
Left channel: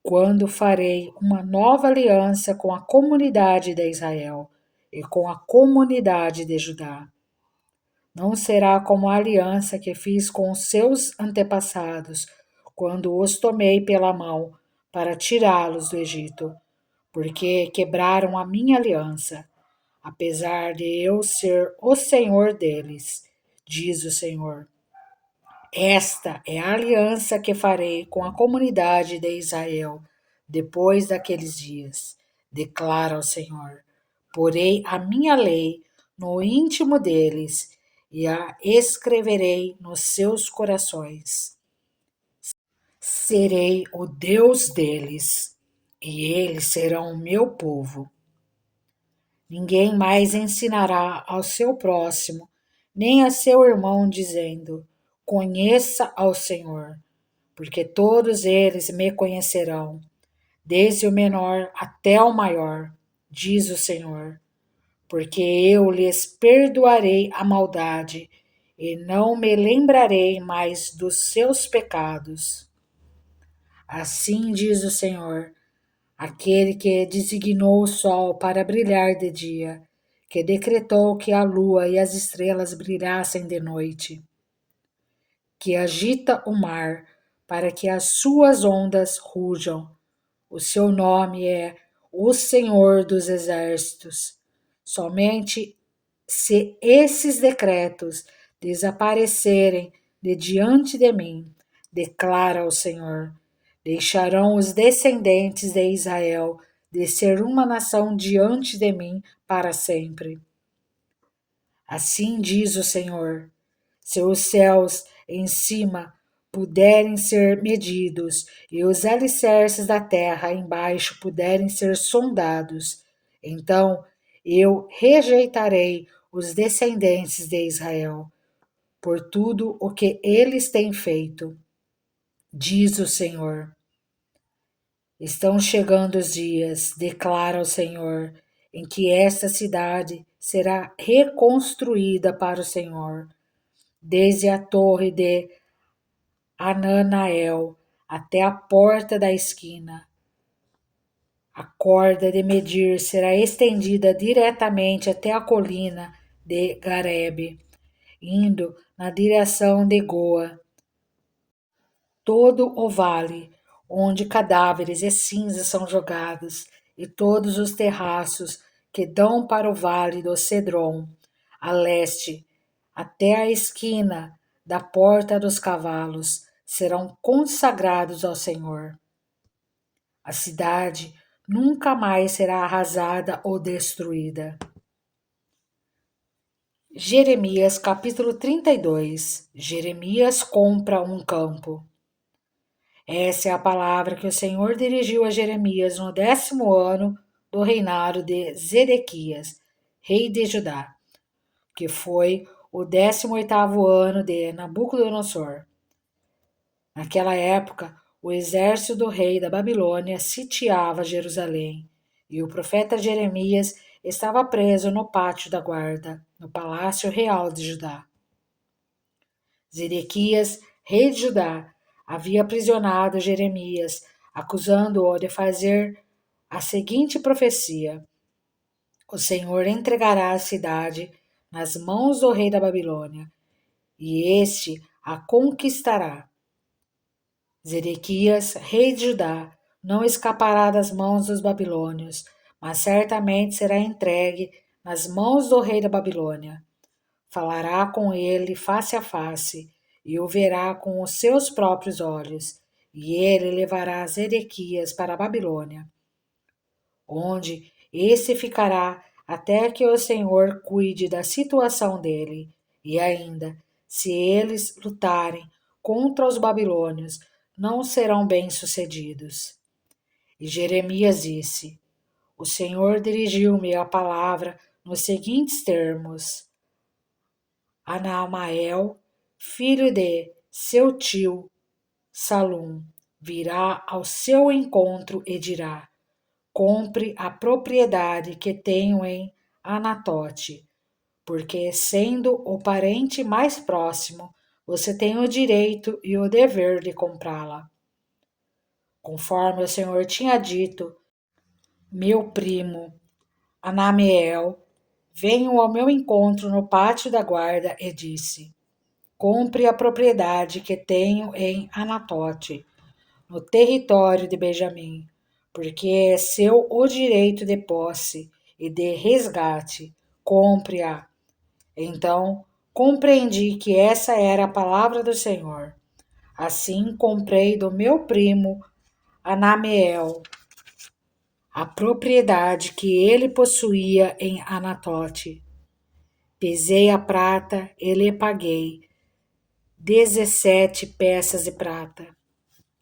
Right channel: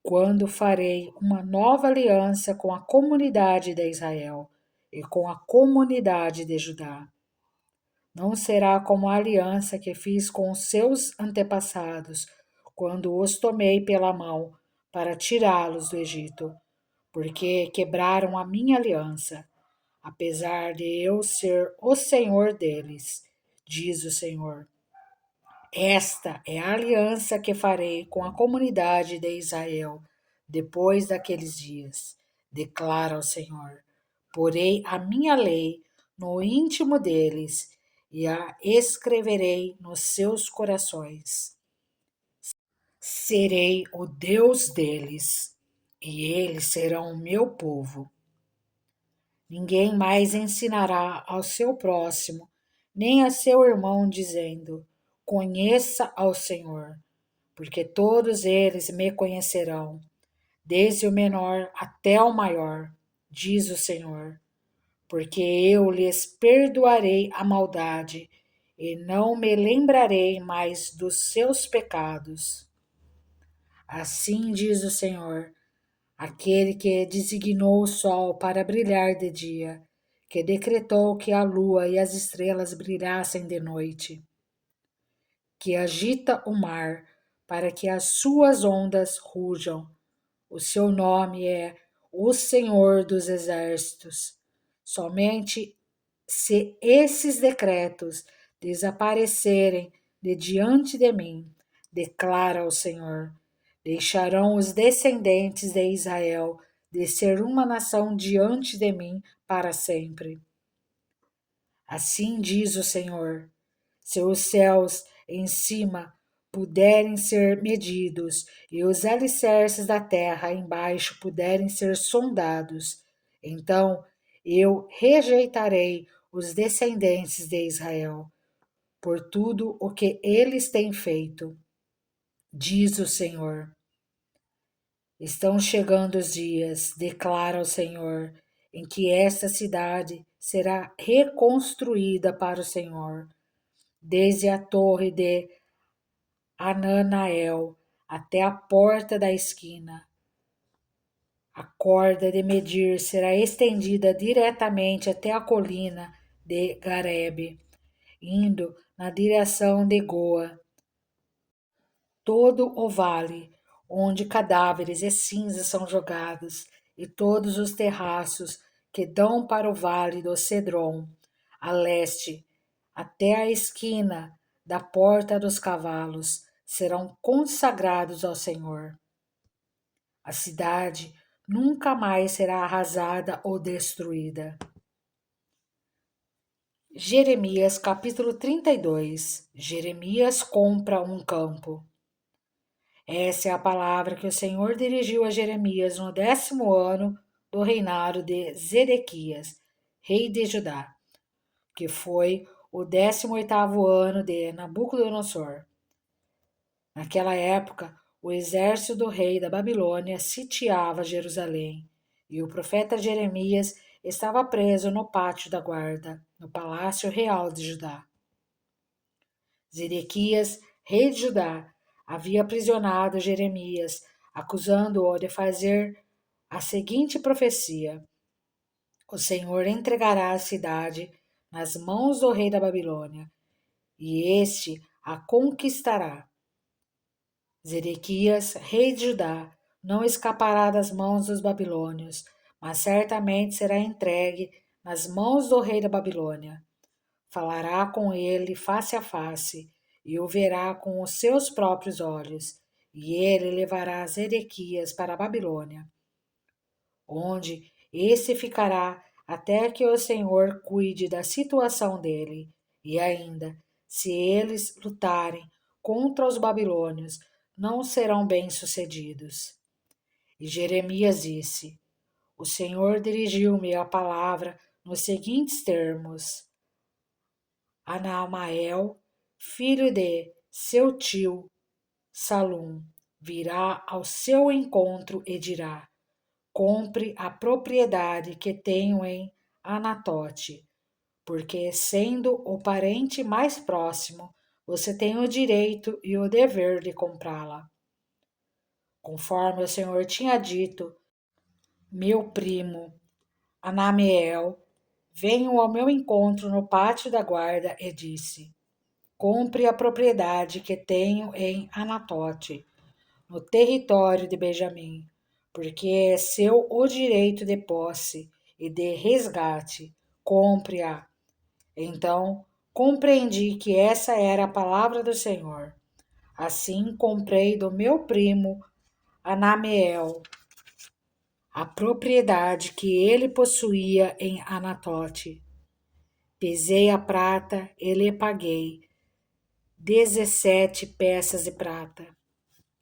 quando farei uma nova aliança com a comunidade de Israel e com a comunidade de Judá. Não será como a aliança que fiz com os seus antepassados, quando os tomei pela mão para tirá-los do Egito, porque quebraram a minha aliança, apesar de eu ser o Senhor deles, diz o Senhor. Esta é a aliança que farei com a comunidade de Israel depois daqueles dias, declara o Senhor. Porei a minha lei no íntimo deles e a escreverei nos seus corações. Serei o Deus deles e eles serão o meu povo. Ninguém mais ensinará ao seu próximo, nem a seu irmão, dizendo: conheça ao Senhor, porque todos eles me conhecerão, desde o menor até o maior, diz o Senhor, porque eu lhes perdoarei a maldade e não me lembrarei mais dos seus pecados. Assim diz o Senhor, aquele que designou o sol para brilhar de dia, que decretou que a lua e as estrelas brilhassem de noite, que agita o mar para que as suas ondas rujam. O seu nome é o Senhor dos Exércitos. Somente se esses decretos desaparecerem de diante de mim, declara o Senhor, deixarão os descendentes de Israel de ser uma nação diante de mim para sempre. Assim diz o Senhor: se os céus em cima puderem ser medidos e os alicerces da terra embaixo puderem ser sondados, então eu rejeitarei os descendentes de Israel por tudo o que eles têm feito, diz o Senhor. Estão chegando os dias, declara o Senhor, em que esta cidade será reconstruída para o Senhor, desde a torre de Ananael até a porta da esquina. A corda de medir será estendida diretamente até a colina de Garebe, indo na direção de Goa. Todo o vale onde cadáveres e cinzas são jogados, e todos os terraços que dão para o vale do Cedron, a leste, até a esquina da porta dos cavalos, serão consagrados ao Senhor. A cidade nunca mais será arrasada ou destruída. Jeremias capítulo 32. Jeremias compra um campo. Essa é a palavra que o Senhor dirigiu a Jeremias no 10º ano do reinado de Zedequias, rei de Judá, que foi o 18º ano de Nabucodonosor. Naquela época, o exército do rei da Babilônia sitiava Jerusalém, e o profeta Jeremias estava preso no pátio da guarda, no palácio real de Judá. Zedequias, rei de Judá, havia aprisionado Jeremias, acusando-o de fazer a seguinte profecia: O Senhor entregará a cidade nas mãos do rei da Babilônia, e este a conquistará. Zedequias, rei de Judá, não escapará das mãos dos babilônios, mas certamente será entregue nas mãos do rei da Babilônia. Falará com ele face a face, e o verá com os seus próprios olhos, e ele levará Zedequias para a Babilônia, onde esse ficará até que o Senhor cuide da situação dele. E ainda, se eles lutarem contra os babilônios, não serão bem-sucedidos. E Jeremias disse: O Senhor dirigiu-me a palavra nos seguintes termos: Anamael, filho de seu tio Salum, virá ao seu encontro e dirá: Compre a propriedade que tenho em Anatote, porque, sendo o parente mais próximo, você tem o direito e o dever de comprá-la. Conforme o Senhor tinha dito, meu primo Anamiel veio ao meu encontro no pátio da guarda e disse: Compre a propriedade que tenho em Anatote, no território de Benjamim, porque é seu o direito de posse e de resgate. Compre-a. Então compreendi que essa era a palavra do Senhor. Assim comprei do meu primo Anameel a propriedade que ele possuía em Anatote. Pesei a prata e lhe paguei 17 peças de prata.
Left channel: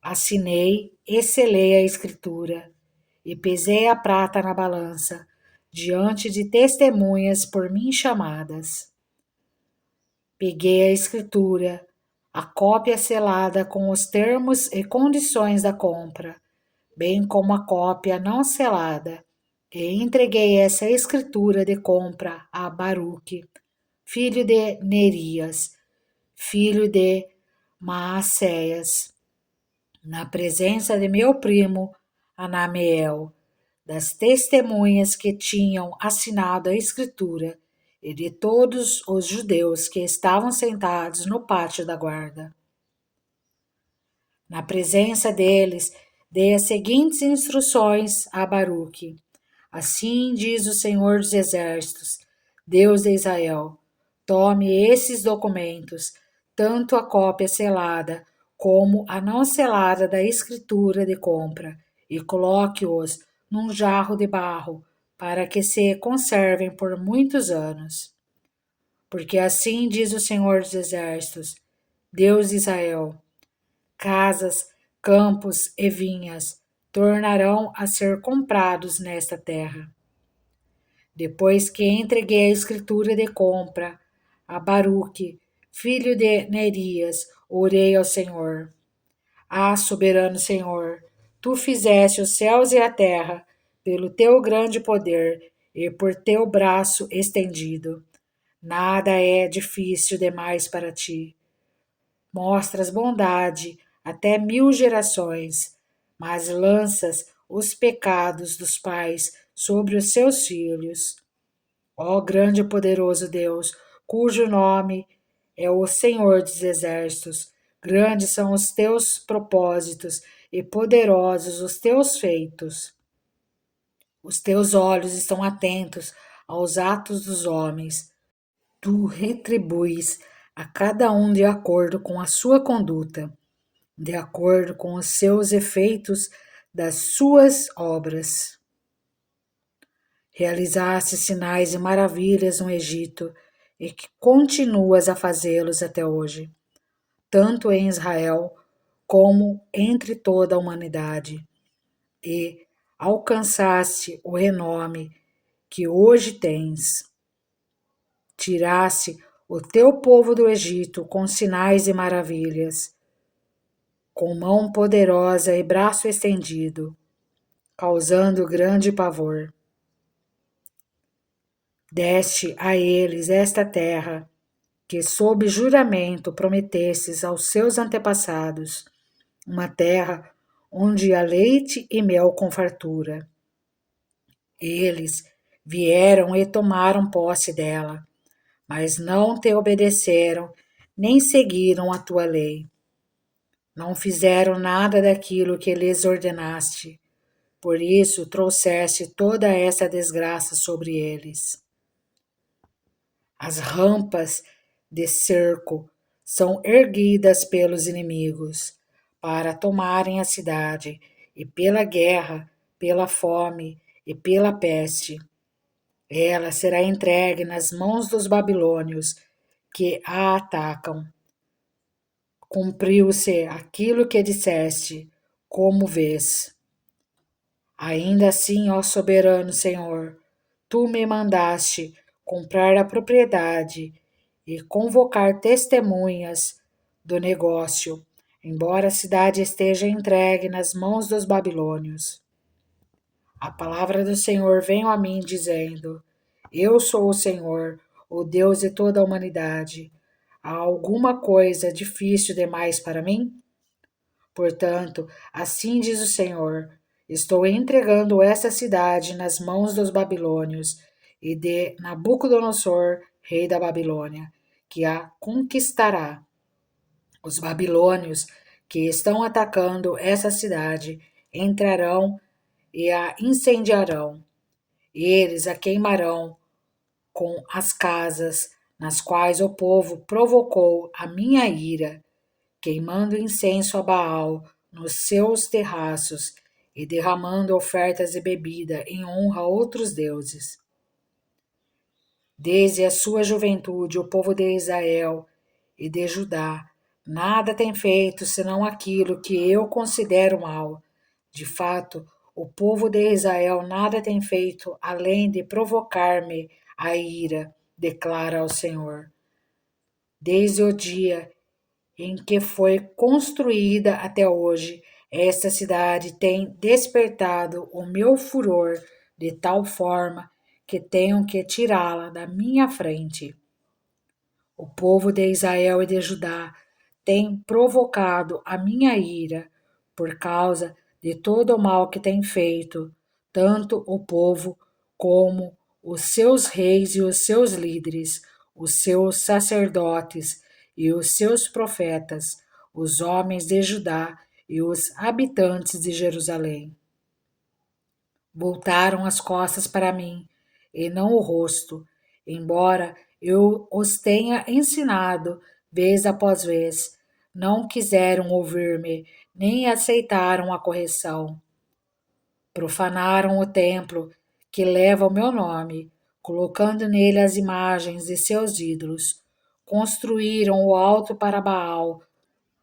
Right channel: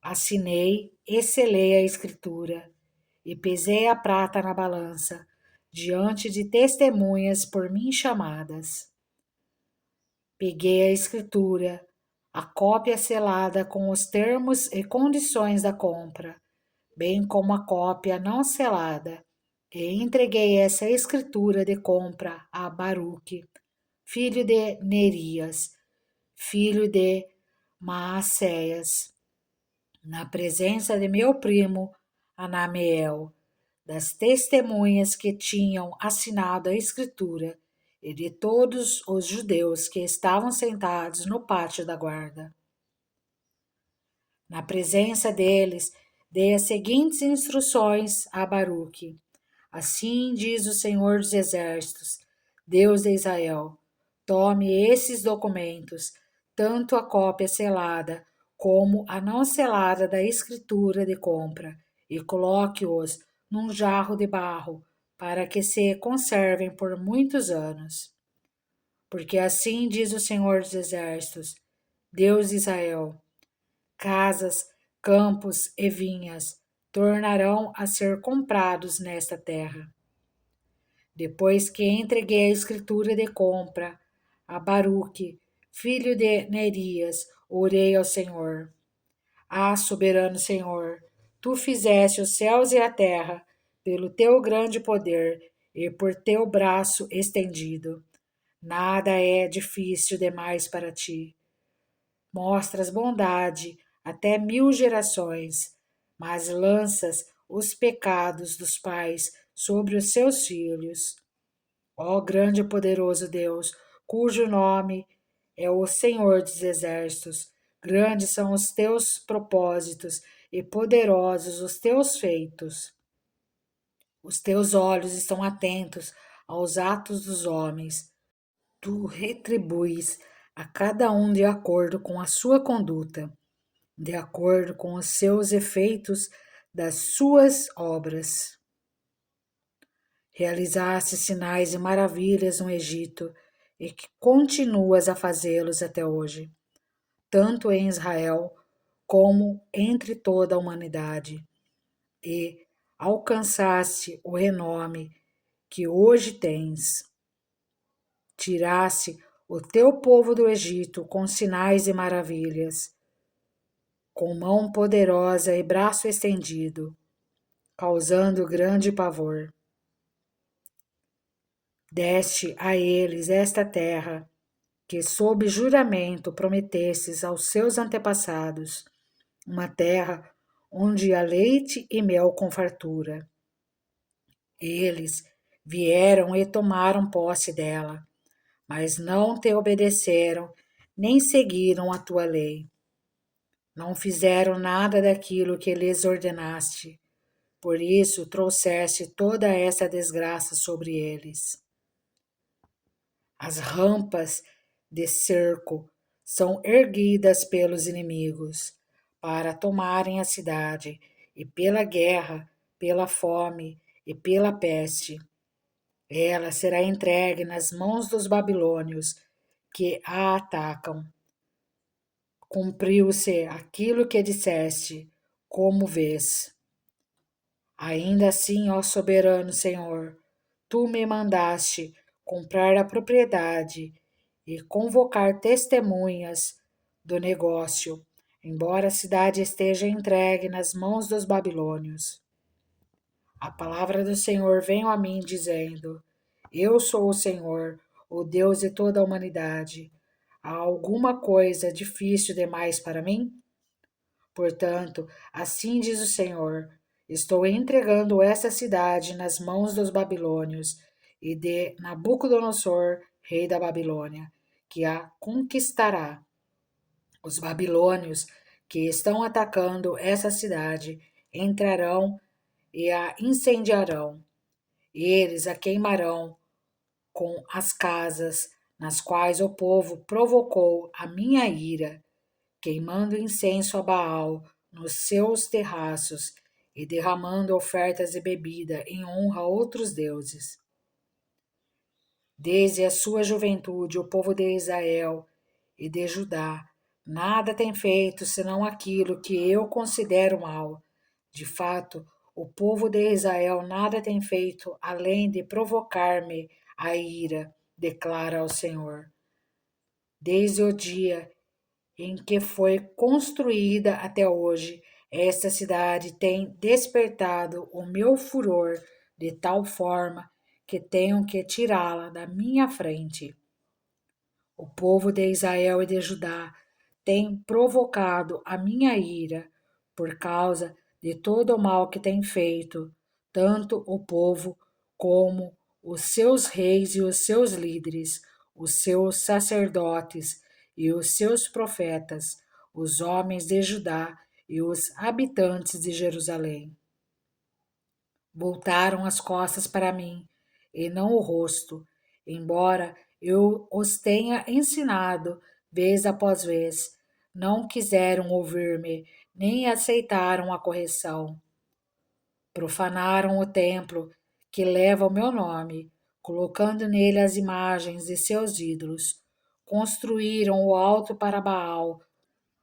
Assinei e selei a escritura, e pesei a prata na balança, diante de testemunhas por mim chamadas. Peguei a escritura, a cópia selada com os termos e condições da compra, bem como a cópia não selada, e entreguei essa escritura de compra a Baruque, filho de Nerias, filho de Maacéias, na presença de meu primo Anameel, das testemunhas que tinham assinado a escritura e de todos os judeus que estavam sentados no pátio da guarda. Na presença deles, dei as seguintes instruções a Baruque: Assim diz o Senhor dos Exércitos, Deus de Israel: tome esses documentos, tanto a cópia selada como a não selada da escritura de compra, e coloque-os num jarro de barro, para que se conservem por muitos anos. Porque assim diz o Senhor dos Exércitos, Deus de Israel: casas, campos e vinhas tornarão a ser comprados nesta terra. Depois que entreguei a escritura de compra a Baruque, filho de Nerias, orei ao Senhor: soberano Senhor, tu fizeste os céus e a terra pelo teu grande poder e por teu braço estendido. Nada é difícil demais para ti. Mostras bondade até 1000 gerações, mas lanças os pecados dos pais sobre os seus filhos. Ó grande e poderoso Deus, cujo nome é o Senhor dos Exércitos, grandes são os teus propósitos e poderosos os teus feitos. Os teus olhos estão atentos aos atos dos homens. Tu retribuis a cada um de acordo com a sua conduta, de acordo com os seus efeitos das suas obras. Realizaste sinais e maravilhas no Egito, e que continuas a fazê-los até hoje, tanto em Israel como entre toda a humanidade, e alcançaste o renome que hoje tens. Tiraste o teu povo do Egito com sinais e maravilhas, com mão poderosa e braço estendido, causando grande pavor. Deste a eles esta terra, que sob juramento prometestes aos seus antepassados, uma terra onde há leite e mel com fartura. Eles vieram e tomaram posse dela, mas não te obedeceram, nem seguiram a tua lei. Não fizeram nada daquilo que lhes ordenaste, por isso trouxeste toda essa desgraça sobre eles. As rampas de cerco são erguidas pelos inimigos para tomarem a cidade, e pela guerra, pela fome e pela peste. Ela será entregue nas mãos dos babilônios que a atacam. Cumpriu-se aquilo que disseste, como vês. Ainda assim, ó soberano Senhor, tu me mandaste comprar a propriedade e convocar testemunhas do negócio, embora a cidade esteja entregue nas mãos dos babilônios. A palavra do Senhor veio a mim dizendo: Eu sou o Senhor, o Deus de toda a humanidade. Há alguma coisa difícil demais para mim? Portanto, assim diz o Senhor: Estou entregando essa cidade nas mãos dos babilônios e de Nabucodonosor, rei da Babilônia, que a conquistará. Os babilônios que estão atacando essa cidade entrarão e a incendiarão. Eles a queimarão com as casas nas quais o povo provocou a minha ira, queimando incenso a Baal nos seus terraços e derramando ofertas de bebida em honra a outros deuses. Desde a sua juventude, o povo de Israel e de Judá nada tem feito senão aquilo que eu considero mal. De fato, o povo de Israel nada tem feito além de provocar-me a ira, declara o Senhor. Desde o dia em que foi construída até hoje, esta cidade tem despertado o meu furor de tal forma que tenho que tirá-la da minha frente. O povo de Israel e de Judá tem provocado a minha ira por causa de todo o mal que tem feito, tanto o povo como os seus reis e os seus líderes, os seus sacerdotes e os seus profetas, os homens de Judá e os habitantes de Jerusalém. Voltaram as costas para mim e não o rosto, embora eu os tenha ensinado vez após vez. Não quiseram ouvir-me, nem aceitaram a correção. Profanaram o templo que leva o meu nome, colocando nele as imagens de seus ídolos. Construíram o alto para Baal,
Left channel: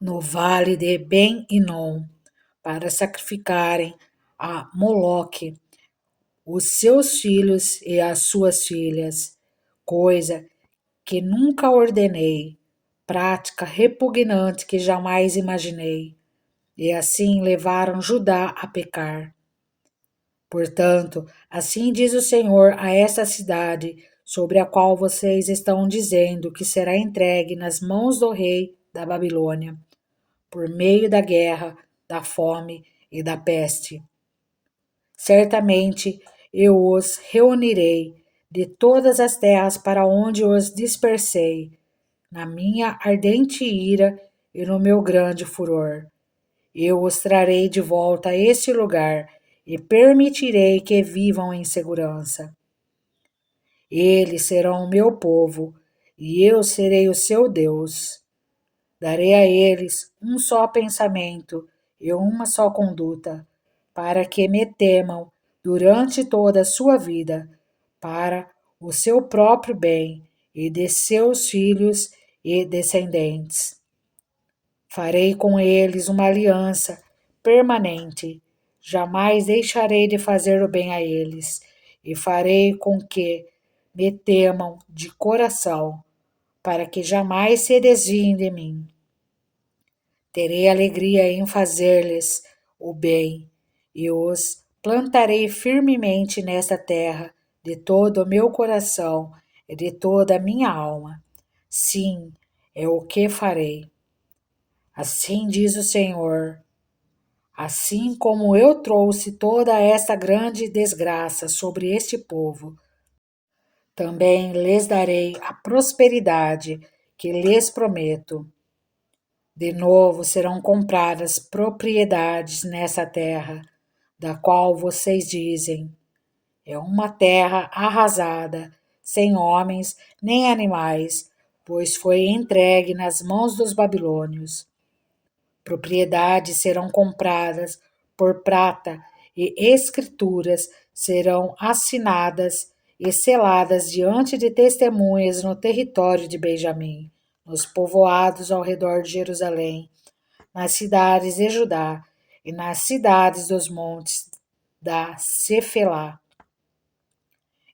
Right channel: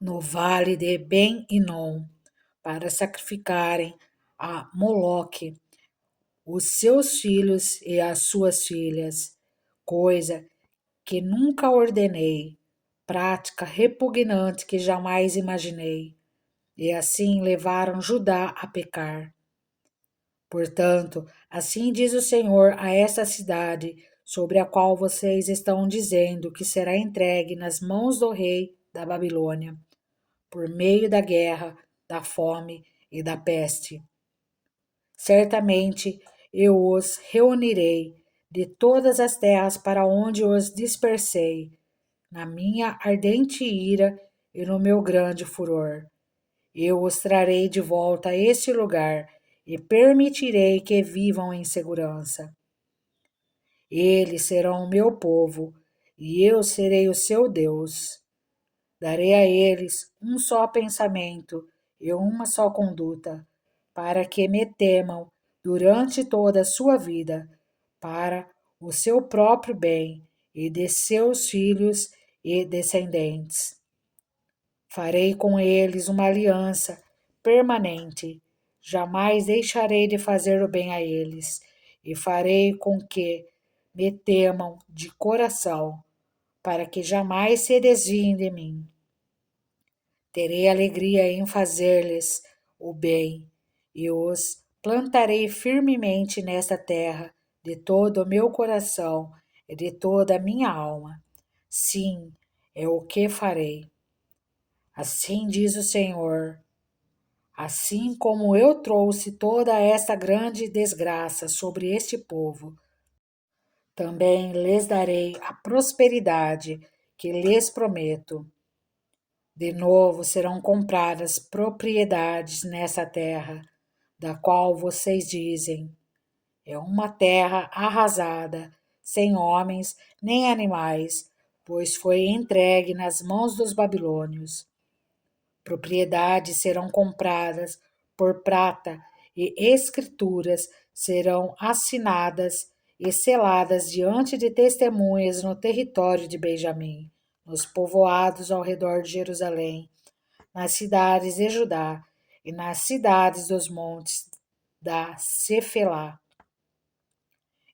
no vale de Ben-Inom, para sacrificarem a Moloque os seus filhos e as suas filhas, coisa que nunca ordenei, prática repugnante que jamais imaginei, e assim levaram Judá a pecar. Portanto, assim diz o Senhor a esta cidade, sobre a qual vocês estão dizendo que será entregue nas mãos do rei da Babilônia, por meio da guerra, da fome e da peste. Certamente eu os reunirei de todas as terras para onde os dispersei, na minha ardente ira e no meu grande furor. Eu os trarei de volta a este lugar e permitirei que vivam em segurança. Eles serão o meu povo e eu serei o seu Deus. Darei a eles um só pensamento e uma só conduta, para que me temam durante toda a sua vida, para o seu próprio bem e de seus filhos e descendentes. Farei com eles uma aliança permanente. Jamais deixarei de fazer o bem a eles, e farei com que me temam de coração, para que jamais se desviem de mim. Terei alegria em fazer-lhes o bem, e os plantarei firmemente nesta terra, de todo o meu coração e de toda a minha alma. Sim, é o que farei. Assim diz o Senhor. Assim como eu trouxe toda esta grande desgraça sobre este povo, também lhes darei a prosperidade que lhes prometo. De novo serão compradas propriedades nessa terra, da qual vocês dizem: é uma terra arrasada, sem homens nem animais, pois foi entregue nas mãos dos babilônios. Propriedades serão compradas por prata e escrituras serão assinadas e seladas diante de testemunhas no território de Benjamim, nos povoados ao redor de Jerusalém, nas cidades de Judá e nas cidades dos montes da Cefelá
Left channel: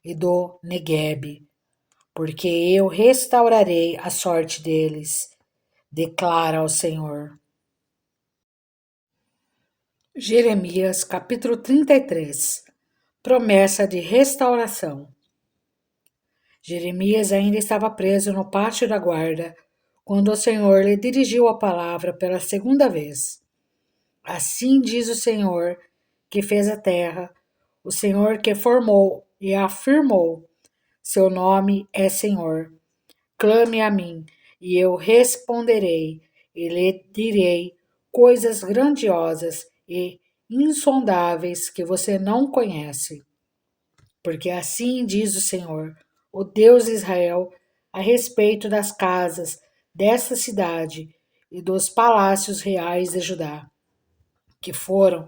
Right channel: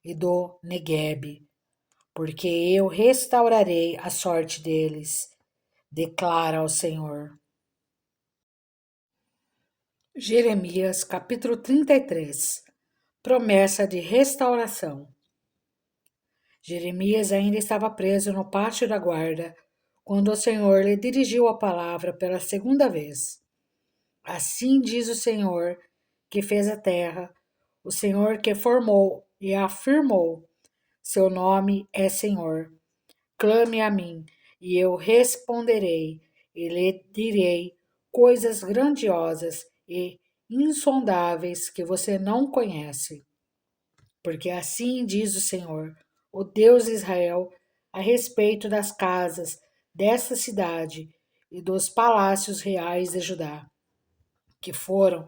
e do Neguebe, porque eu restaurarei a sorte deles, declara o Senhor. Jeremias capítulo 33. Promessa de restauração. Jeremias ainda estava preso no pátio da guarda quando o Senhor lhe dirigiu a palavra pela segunda vez. Assim diz o Senhor que fez a terra, o Senhor que formou e afirmou: seu nome é Senhor. Clame a mim, e eu responderei, e lhe direi coisas grandiosas e insondáveis que você não conhece. Porque assim diz o Senhor, o Deus de Israel, a respeito das casas desta cidade e dos palácios reais de Judá, que foram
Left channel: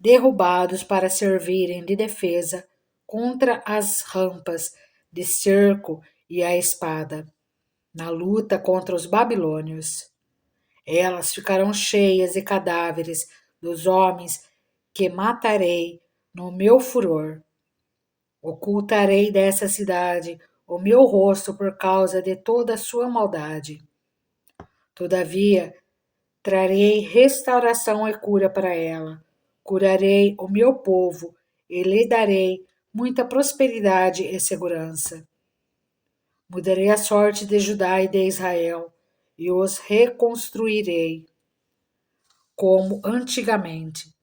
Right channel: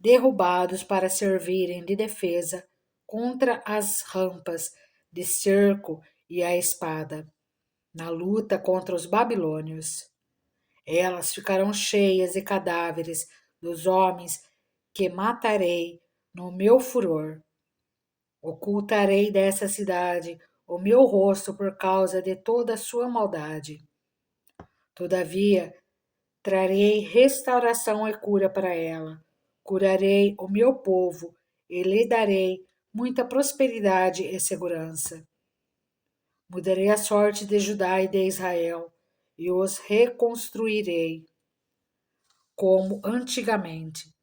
derrubados para servirem de defesa contra as rampas de cerco e a espada, na luta contra os babilônios. Elas ficarão cheias de cadáveres dos homens que matarei no meu furor. Ocultarei dessa cidade o meu rosto por causa de toda a sua maldade. Todavia, trarei restauração e cura para ela. Curarei o meu povo e lhe darei muita prosperidade e segurança. Mudarei a sorte de Judá e de Israel e os reconstruirei como antigamente.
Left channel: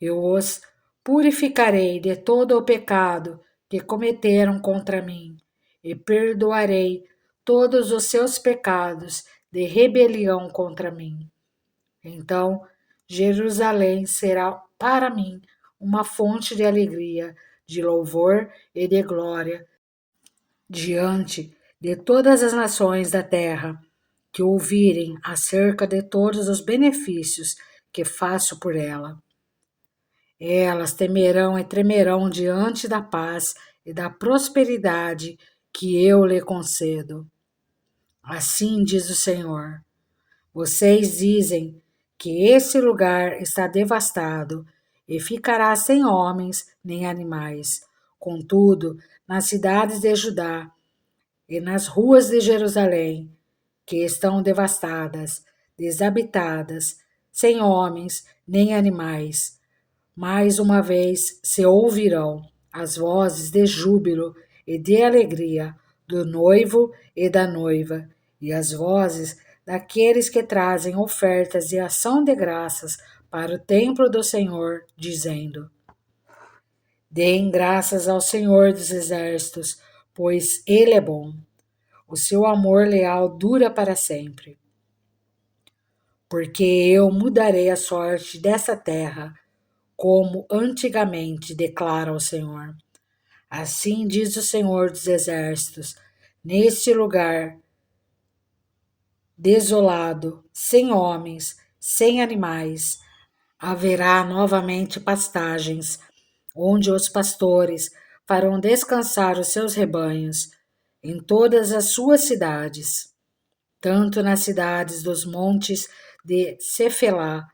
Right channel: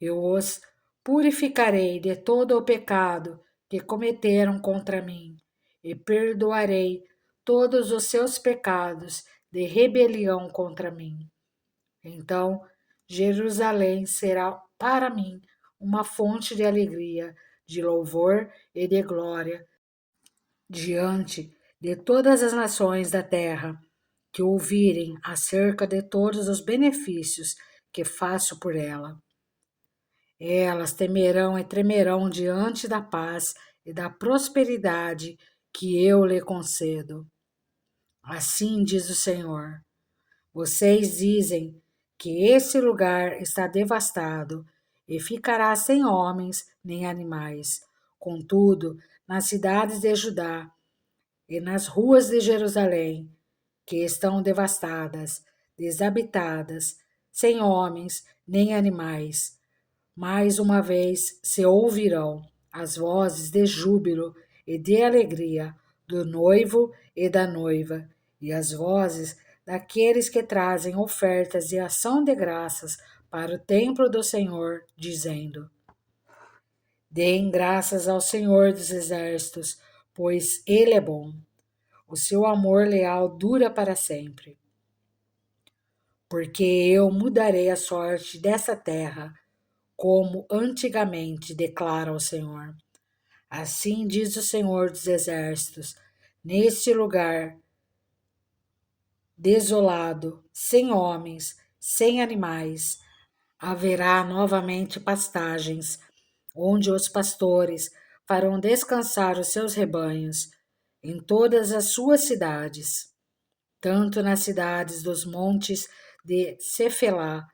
Eu os purificarei de todo o pecado que cometeram contra mim e perdoarei todos os seus pecados de rebelião contra mim. Então, Jerusalém será para mim uma fonte de alegria, de louvor e de glória diante de todas as nações da terra que ouvirem acerca de todos os benefícios que faço por ela. Elas temerão e tremerão diante da paz e da prosperidade que eu lhe concedo. Assim diz o Senhor. Vocês dizem que esse lugar está devastado e ficará sem homens nem animais. Contudo, nas cidades de Judá e nas ruas de Jerusalém, que estão devastadas, desabitadas, sem homens nem animais, mais uma vez se ouvirão as vozes de júbilo e de alegria do noivo e da noiva, e as vozes daqueles que trazem ofertas de ação de graças para o templo do Senhor, dizendo: deem graças ao Senhor dos exércitos, pois ele é bom. O seu amor leal dura para sempre. Porque eu mudarei a sorte dessa terra, como antigamente, declara o Senhor. Assim diz o Senhor dos Exércitos: neste lugar desolado, sem homens, sem animais, haverá novamente pastagens, onde os pastores farão descansar os seus rebanhos. em todas as suas cidades, tanto nas cidades dos montes de Cefelá,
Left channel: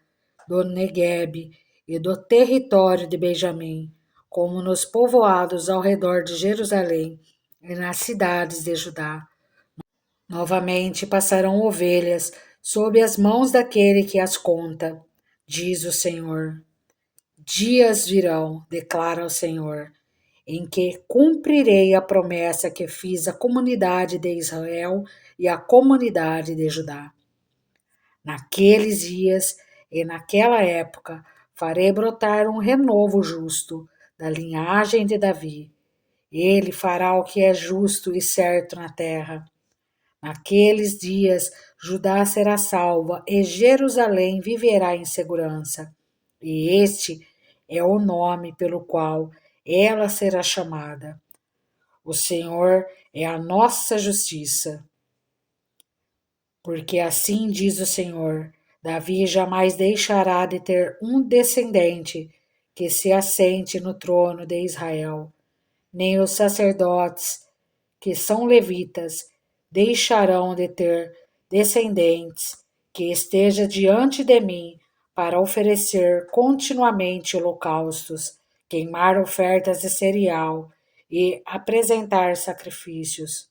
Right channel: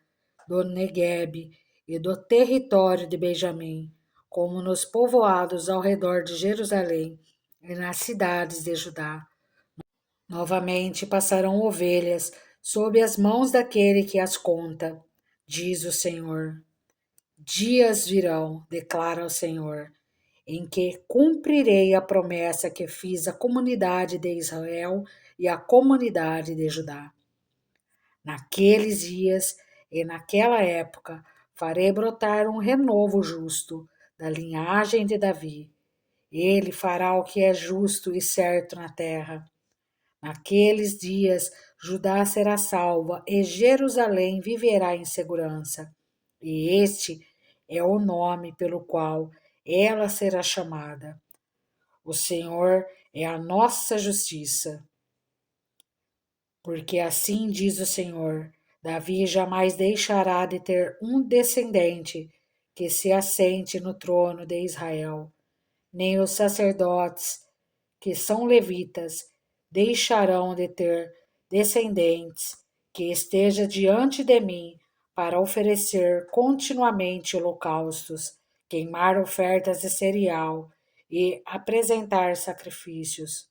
do Neguebe e do território de Benjamim, como nos povoados ao redor de Jerusalém e nas cidades de Judá. Novamente passarão ovelhas sob as mãos daquele que as conta, diz o Senhor. Dias virão, declara o Senhor, em que cumprirei a promessa que fiz à comunidade de Israel e à comunidade de Judá. Naqueles dias e naquela época farei brotar um renovo justo da linhagem de Davi. Ele fará o que é justo e certo na terra. Naqueles dias Judá será salva e Jerusalém viverá em segurança. E este é o nome pelo qual ela será chamada. O Senhor é a nossa justiça. Porque assim diz o Senhor: Davi jamais deixará de ter um descendente que se assente no trono de Israel, nem os sacerdotes, que são levitas, deixarão de ter descendentes que esteja diante de mim para oferecer continuamente holocaustos, queimar ofertas de cereal e apresentar sacrifícios.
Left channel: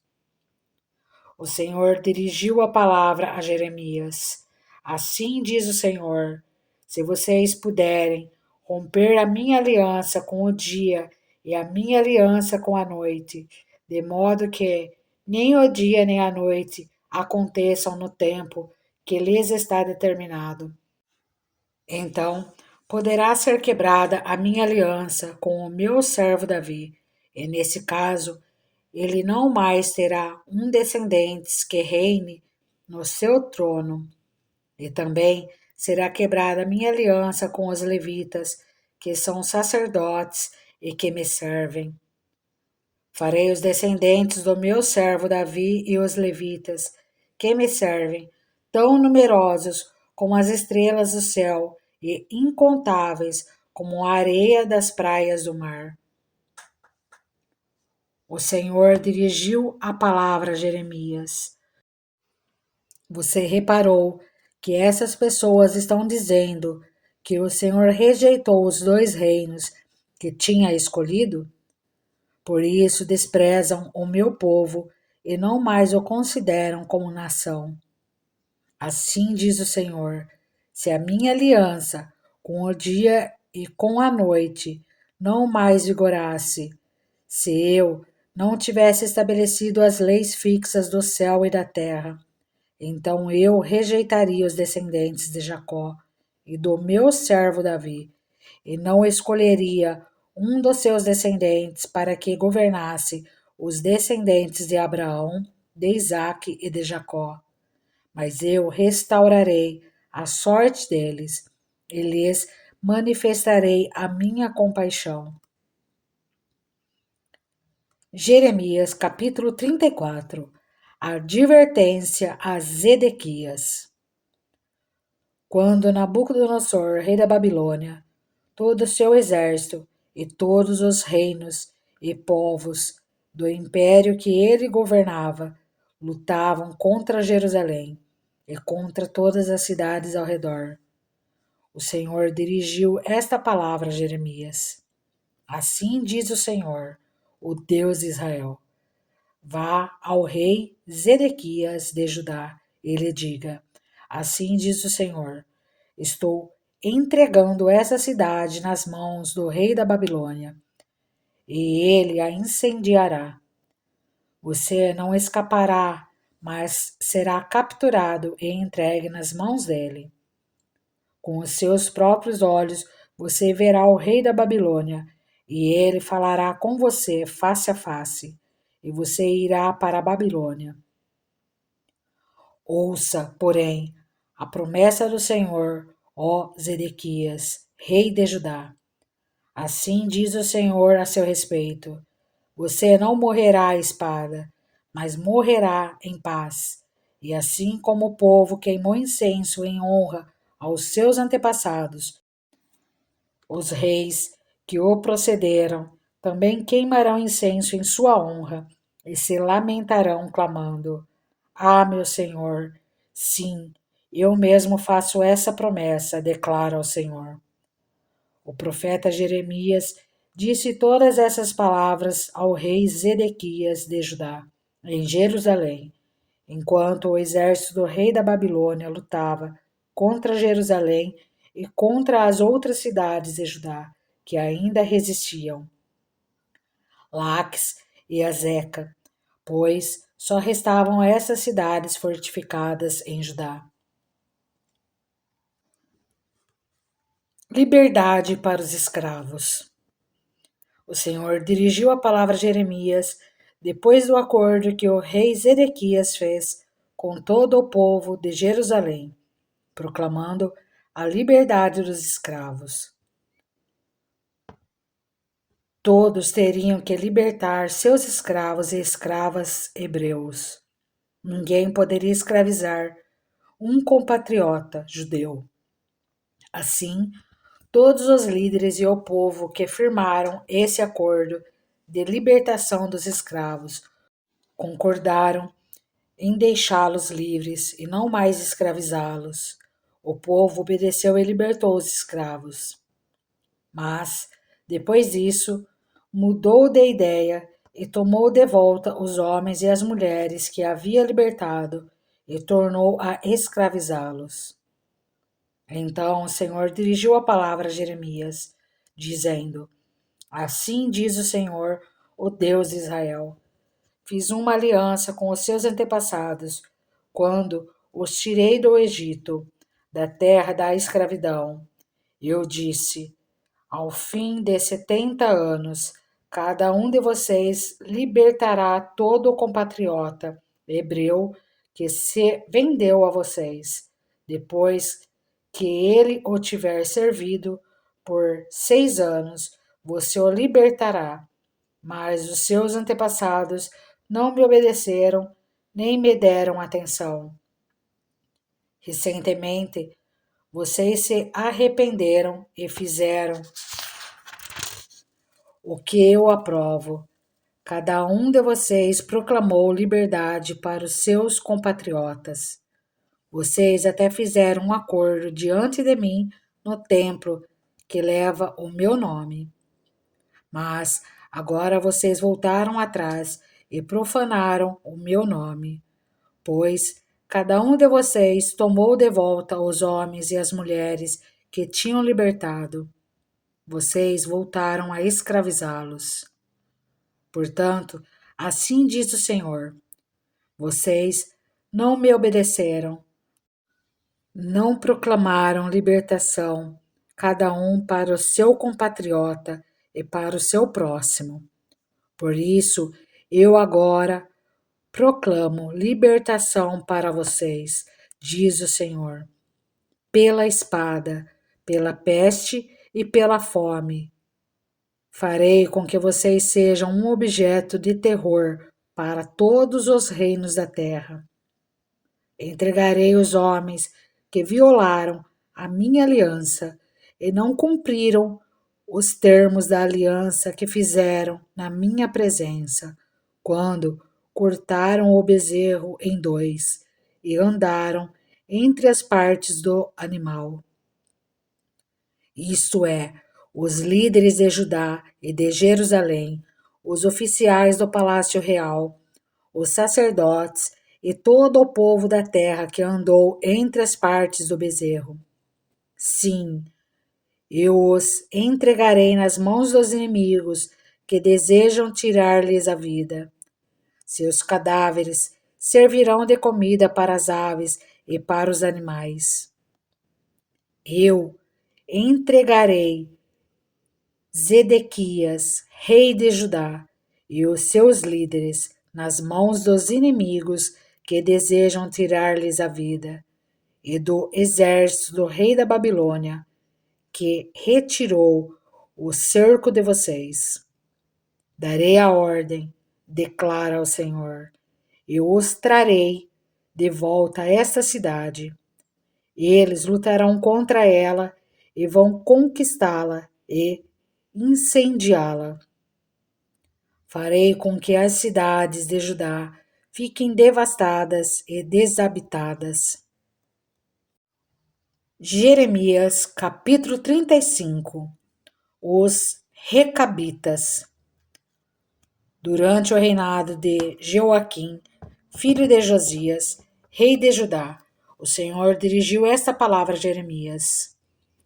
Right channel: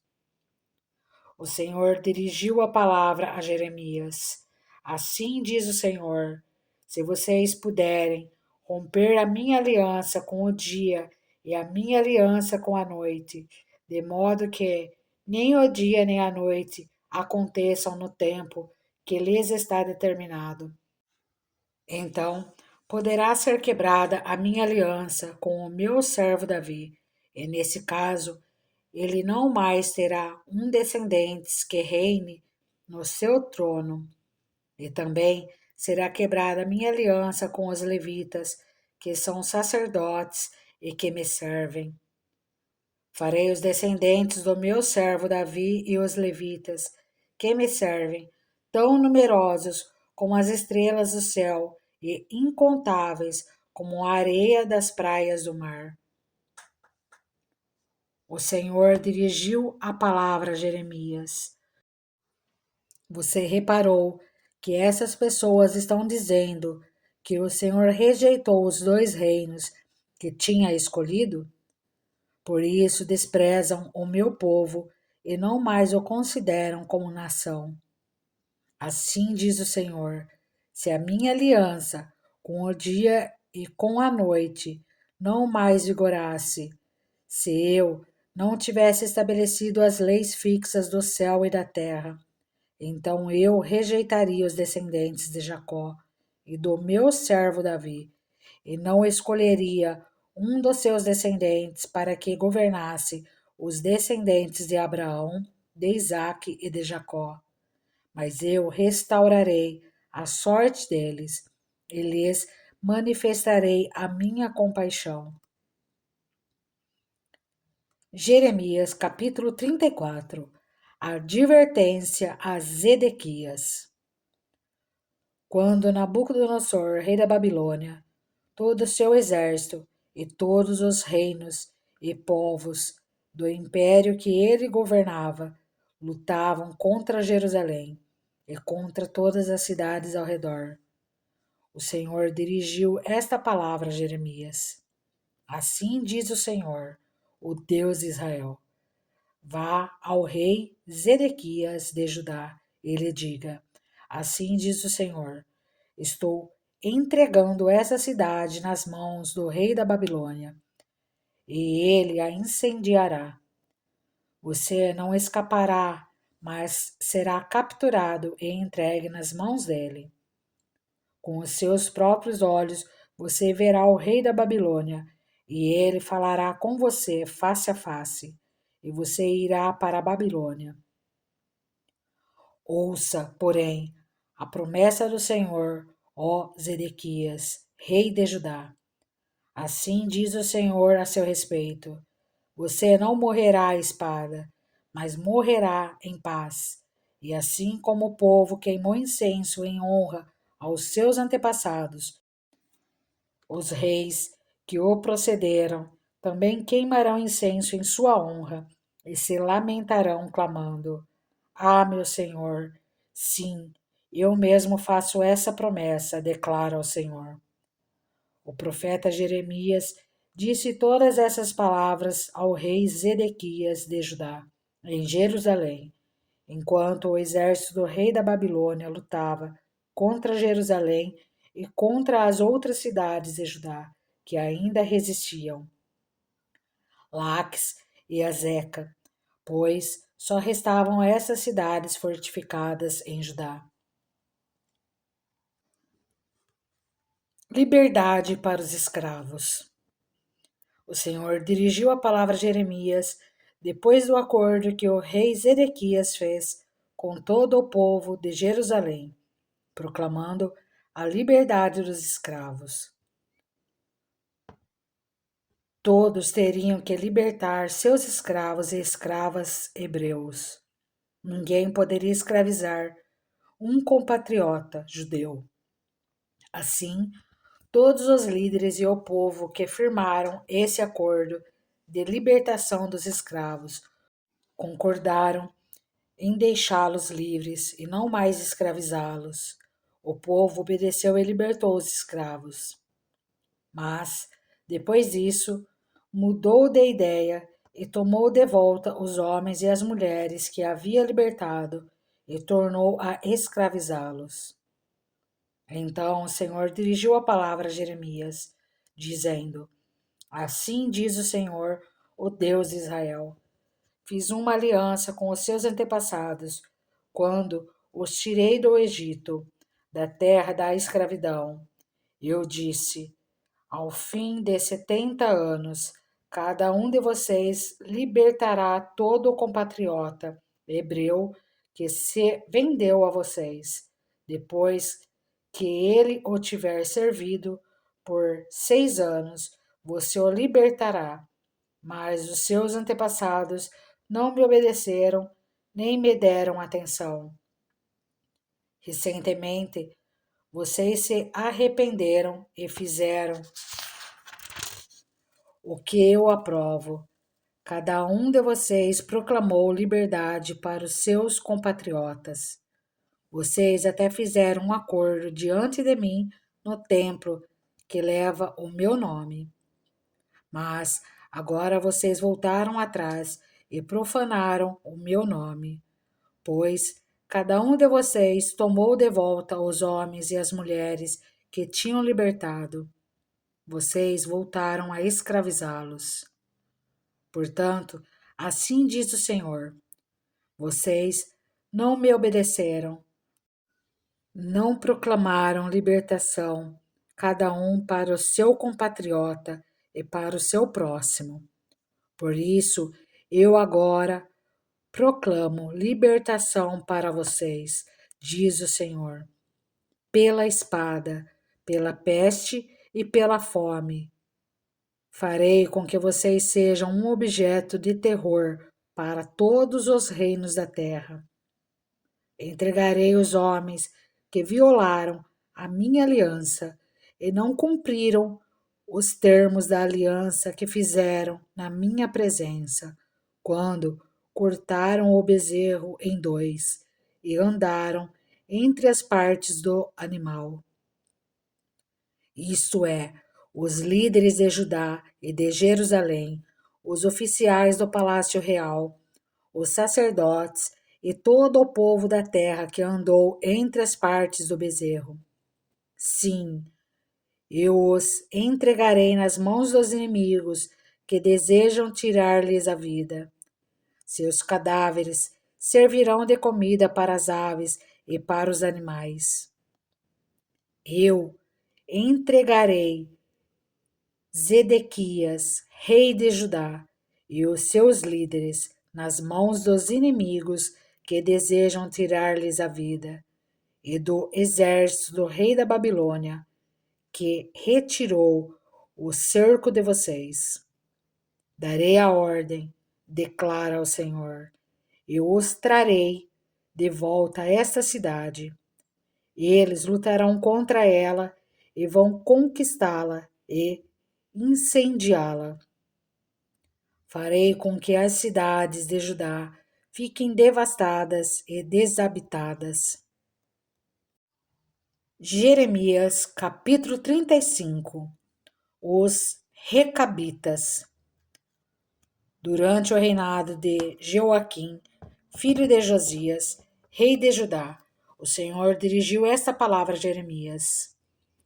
O Senhor dirigiu a palavra a Jeremias. Assim diz o Senhor: se vocês puderem romper a minha aliança com o dia e a minha aliança com a noite, de modo que nem o dia nem a noite aconteçam no tempo que lhes está determinado, então poderá ser quebrada a minha aliança com o meu servo Davi, e nesse caso ele não mais terá um descendente que reine no seu trono. E também será quebrada a minha aliança com os levitas, que são sacerdotes e que me servem. Farei os descendentes do meu servo Davi e os levitas, que me servem, tão numerosos como as estrelas do céu e incontáveis como a areia das praias do mar. O Senhor dirigiu a palavra a Jeremias. Você reparou que essas pessoas estão dizendo que o Senhor rejeitou os 2 reinos que tinha escolhido? Por isso desprezam o meu povo e não mais o consideram como nação. Assim diz o Senhor: se a minha aliança com o dia e com a noite não mais vigorasse, se eu não tivesse estabelecido as leis fixas do céu e da terra, então eu rejeitaria os descendentes de Jacó e do meu servo Davi, e não escolheria um dos seus descendentes para que governasse os descendentes de Abraão, de Isaque e de Jacó. Mas eu restaurarei a sorte deles e lhes manifestarei a minha compaixão. Jeremias capítulo 34. A advertência a Zedequias. Quando Nabucodonosor, rei da Babilônia, todo o seu exército e todos os reinos e povos do império que ele governava lutavam contra Jerusalém e contra todas as cidades ao redor, o Senhor dirigiu esta palavra a Jeremias. Assim diz o Senhor, o Deus de Israel: vá ao rei Zedequias de Judá e lhe diga: assim diz o Senhor, estou entregando essa cidade nas mãos do rei da Babilônia, e ele a incendiará. Você não escapará, mas será capturado e entregue nas mãos dele. Com os seus próprios olhos você verá o rei da Babilônia, e ele falará com você face a face, e você irá para a Babilônia. Ouça, porém, a promessa do Senhor, ó Zedequias, rei de Judá. Assim diz o Senhor a seu respeito: você não morrerá à espada, mas morrerá em paz. E assim como o povo queimou incenso em honra aos seus antepassados, os reis que o procederam também queimarão incenso em sua honra, e se lamentarão, clamando: Ah, meu Senhor, sim, eu mesmo faço essa promessa, declara o Senhor. O profeta Jeremias disse todas essas palavras ao rei Zedequias de Judá, em Jerusalém, enquanto o exército do rei da Babilônia lutava contra Jerusalém e contra as outras cidades de Judá, que ainda resistiam, Laques e Azeca, pois só restavam essas cidades fortificadas em Judá. Liberdade para os escravos. O Senhor dirigiu a palavra a Jeremias depois do acordo que o rei Zedequias fez com todo o povo de Jerusalém, proclamando a liberdade dos escravos. Todos teriam que libertar seus escravos e escravas hebreus. Ninguém poderia escravizar um compatriota judeu. Assim, todos os líderes e o povo que firmaram esse acordo de libertação dos escravos concordaram em deixá-los livres e não mais escravizá-los. O povo obedeceu e libertou os escravos. Mas, depois disso, mudou de ideia e tomou de volta os homens e as mulheres que havia libertado e tornou a escravizá-los. Então o Senhor dirigiu a palavra a Jeremias, dizendo: Assim diz o Senhor, o Deus de Israel: Fiz uma aliança com os seus antepassados, quando os tirei do Egito, da terra da escravidão. Eu disse: Ao fim de 70 anos, cada um de vocês libertará todo o compatriota hebreu que se vendeu a vocês, depois que ele o tiver servido por 6 anos, você o libertará. Mas os seus antepassados não me obedeceram, nem me deram atenção. Recentemente, vocês se arrependeram e fizeram o que eu aprovo. Cada um de vocês proclamou liberdade para os seus compatriotas. Vocês até fizeram um acordo diante de mim no templo que leva o meu nome. Mas agora vocês voltaram atrás e profanaram o meu nome, pois cada um de vocês tomou de volta os homens e as mulheres que tinham libertado. Vocês voltaram a escravizá-los. Portanto, assim diz o Senhor: vocês não me obedeceram, não proclamaram libertação, cada um para o seu compatriota e para o seu próximo. Por isso, eu agora proclamo libertação para vocês, diz o Senhor, pela espada, pela peste e pela fome. Farei com que vocês sejam um objeto de terror para todos os reinos da terra. Entregarei os homens que violaram a minha aliança e não cumpriram os termos da aliança que fizeram na minha presença, quando cortaram o bezerro em dois e andaram entre as partes do animal. Isto é, os líderes de Judá e de Jerusalém, os oficiais do palácio real, os sacerdotes e todo o povo da terra que andou entre as partes do bezerro. Sim, eu os entregarei nas mãos dos inimigos que desejam tirar-lhes a vida. Seus cadáveres servirão de comida para as aves e para os animais. Eu entregarei Zedequias, rei de Judá, e os seus líderes nas mãos dos inimigos que desejam tirar-lhes a vida, e do exército do rei da Babilônia, que retirou o cerco de vocês. Darei a ordem, declara o Senhor, e os trarei de volta a esta cidade. Eles lutarão contra ela e vão conquistá-la e incendiá-la. Farei com que as cidades de Judá fiquem devastadas e desabitadas. Jeremias, capítulo 35. Os Recabitas. Durante o reinado de Joaquim, filho de Josias, rei de Judá, o Senhor dirigiu esta palavra a Jeremias:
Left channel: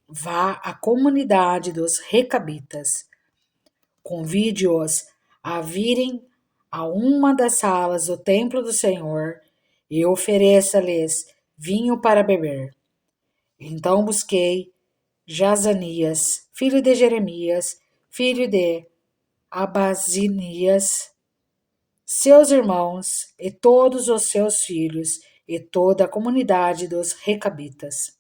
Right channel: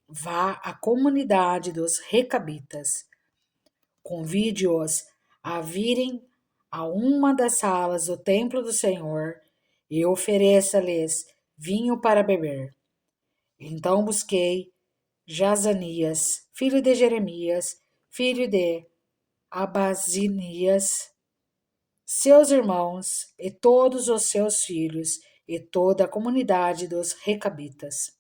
Vá à comunidade dos Recabitas, convide-os a virem a uma das salas do templo do Senhor e ofereça-lhes vinho para beber. Então busquei Jazanias, filho de Jeremias, filho de Abazinias, seus irmãos e todos os seus filhos e toda a comunidade dos Recabitas.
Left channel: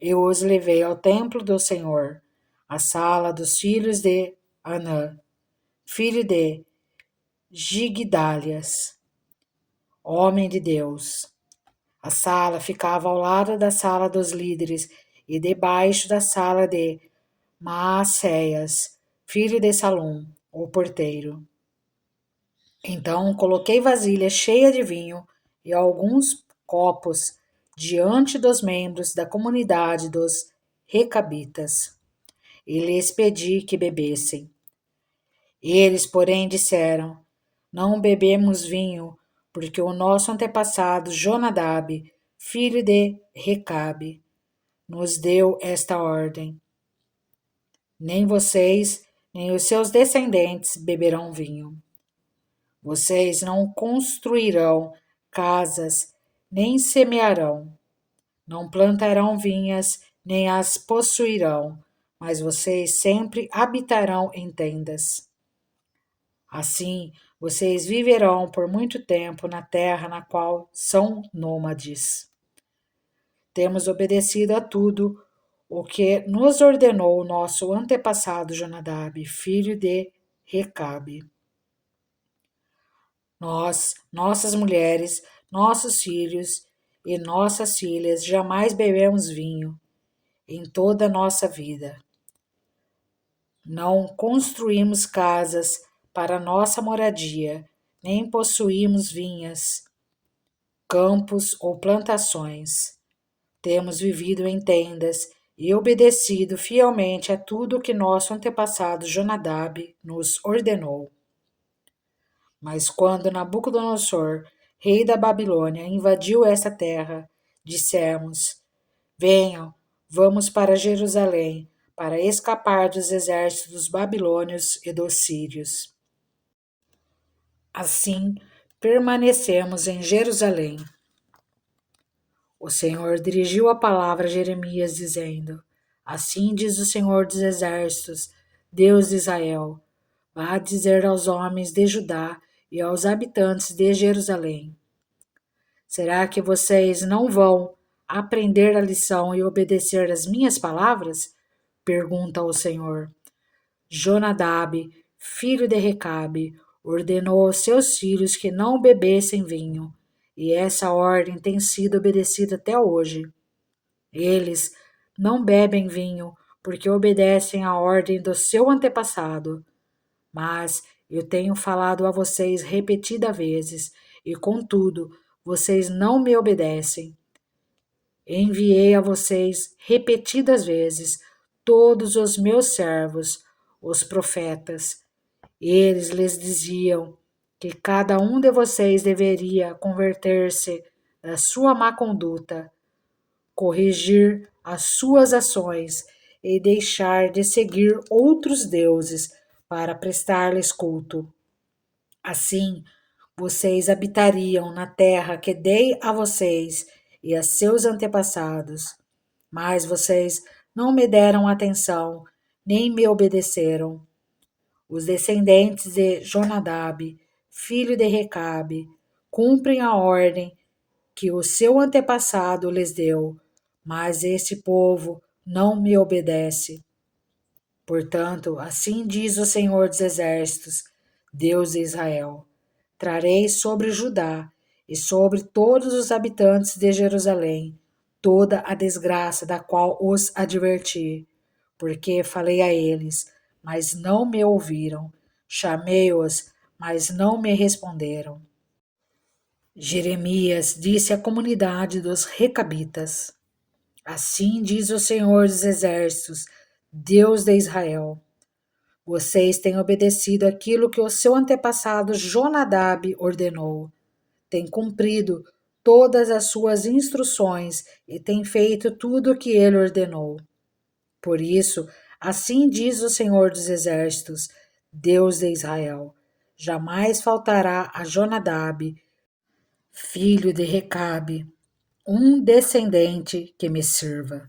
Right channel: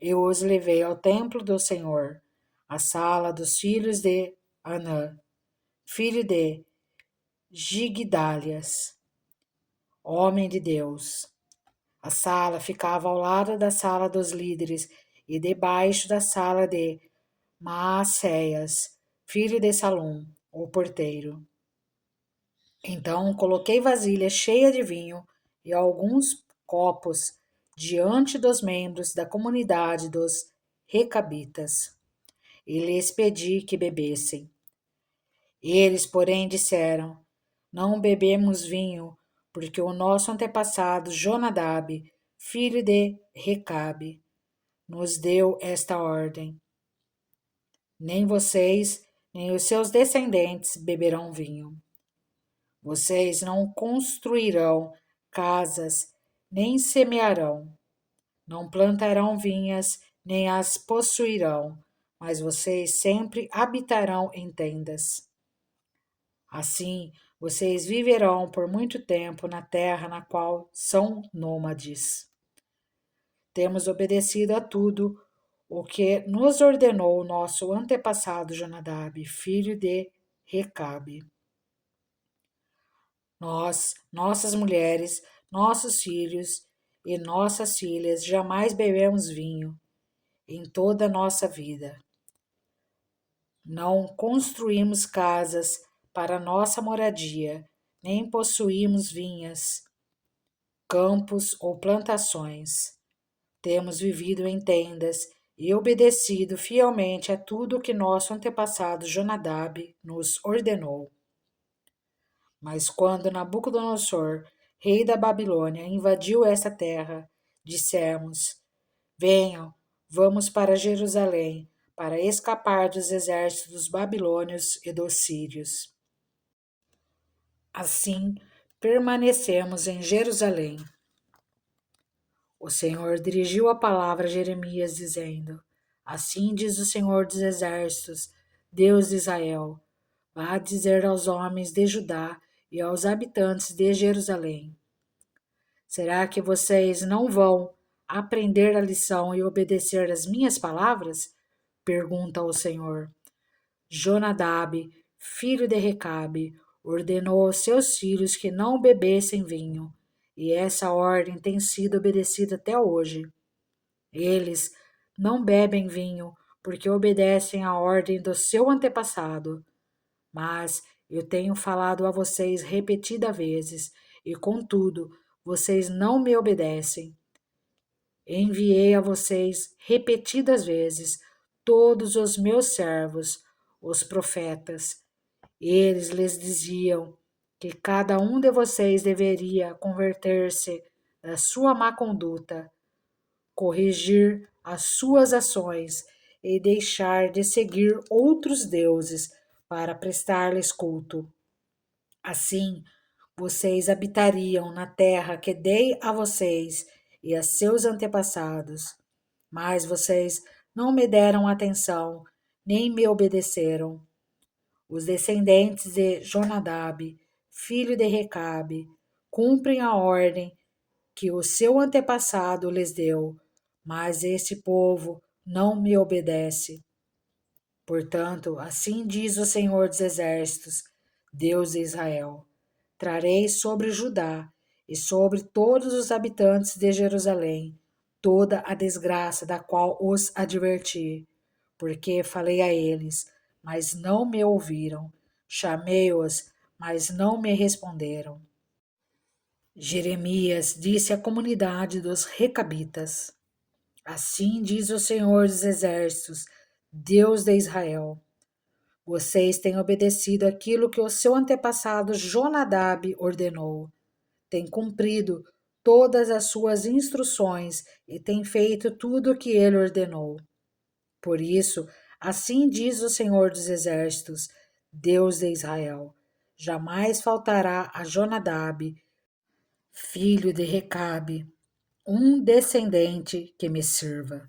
Eu os levei ao templo do Senhor, à sala dos filhos de Anã, filho de Gigdalias, homem de Deus. A sala ficava ao lado da sala dos líderes e debaixo da sala de Maacéias, filho de Salum, o porteiro. Então coloquei vasilha cheia de vinho e alguns copos diante dos membros da comunidade dos Recabitas, e lhes pedi que bebessem. Eles, porém, disseram: Não bebemos vinho, porque o nosso antepassado Jonadab, filho de Recabe, nos deu esta ordem: Nem vocês, nem os seus descendentes beberão vinho. Vocês não construirão casas, nem semearão, não plantarão vinhas, nem as possuirão, mas vocês sempre habitarão em tendas. Assim, vocês viverão por muito tempo na terra na qual são nômades. Temos obedecido a tudo o que nos ordenou o nosso antepassado Jonadab, filho de Recabe. Nós, nossas mulheres, nossos filhos e nossas filhas jamais bebemos vinho em toda a nossa vida. Não construímos casas para nossa moradia, nem possuímos vinhas, campos ou plantações. Temos vivido em tendas e obedecido fielmente a tudo que nosso antepassado Jonadab nos ordenou. Mas quando Nabucodonosor, rei da Babilônia, invadiu essa terra, dissemos: Venham, vamos para Jerusalém, para escapar dos exércitos dos babilônios e dos sírios. Assim, permanecemos em Jerusalém. O Senhor dirigiu a palavra a Jeremias, dizendo: Assim diz o Senhor dos exércitos, Deus de Israel: Vá dizer aos homens de Judá e aos habitantes de Jerusalém: Será que vocês não vão aprender a lição e obedecer às minhas palavras? Pergunta o Senhor. Jonadab, filho de Recabe, ordenou aos seus filhos que não bebessem vinho, e essa ordem tem sido obedecida até hoje. Eles não bebem vinho porque obedecem à ordem do seu antepassado. Mas eu tenho falado a vocês repetidas vezes, e contudo, vocês não me obedecem. Enviei a vocês repetidas vezes todos os meus servos, os profetas. Eles lhes diziam que cada um de vocês deveria converter-se da sua má conduta, corrigir as suas ações e deixar de seguir outros deuses para prestar-lhes culto. Assim, vocês habitariam na terra que dei a vocês e a seus antepassados, mas vocês não me deram atenção, nem me obedeceram. Os descendentes de Jonadab, filho de Recabe, cumprem a ordem que o seu antepassado lhes deu, mas esse povo não me obedece. Portanto, assim diz o Senhor dos Exércitos, Deus de Israel: Trarei sobre Judá e sobre todos os habitantes de Jerusalém toda a desgraça da qual os adverti, porque falei a eles, mas não me ouviram. Chamei-os, mas não me responderam. Jeremias disse à comunidade dos Recabitas: Assim diz o Senhor dos Exércitos, Deus de Israel: Vocês têm obedecido aquilo que o seu antepassado Jonadab ordenou, têm cumprido todas as suas instruções e têm feito tudo o que ele ordenou. Por isso, assim diz o Senhor dos Exércitos, Deus de Israel: Jamais faltará a Jonadab, filho de Recabe, um descendente que me sirva.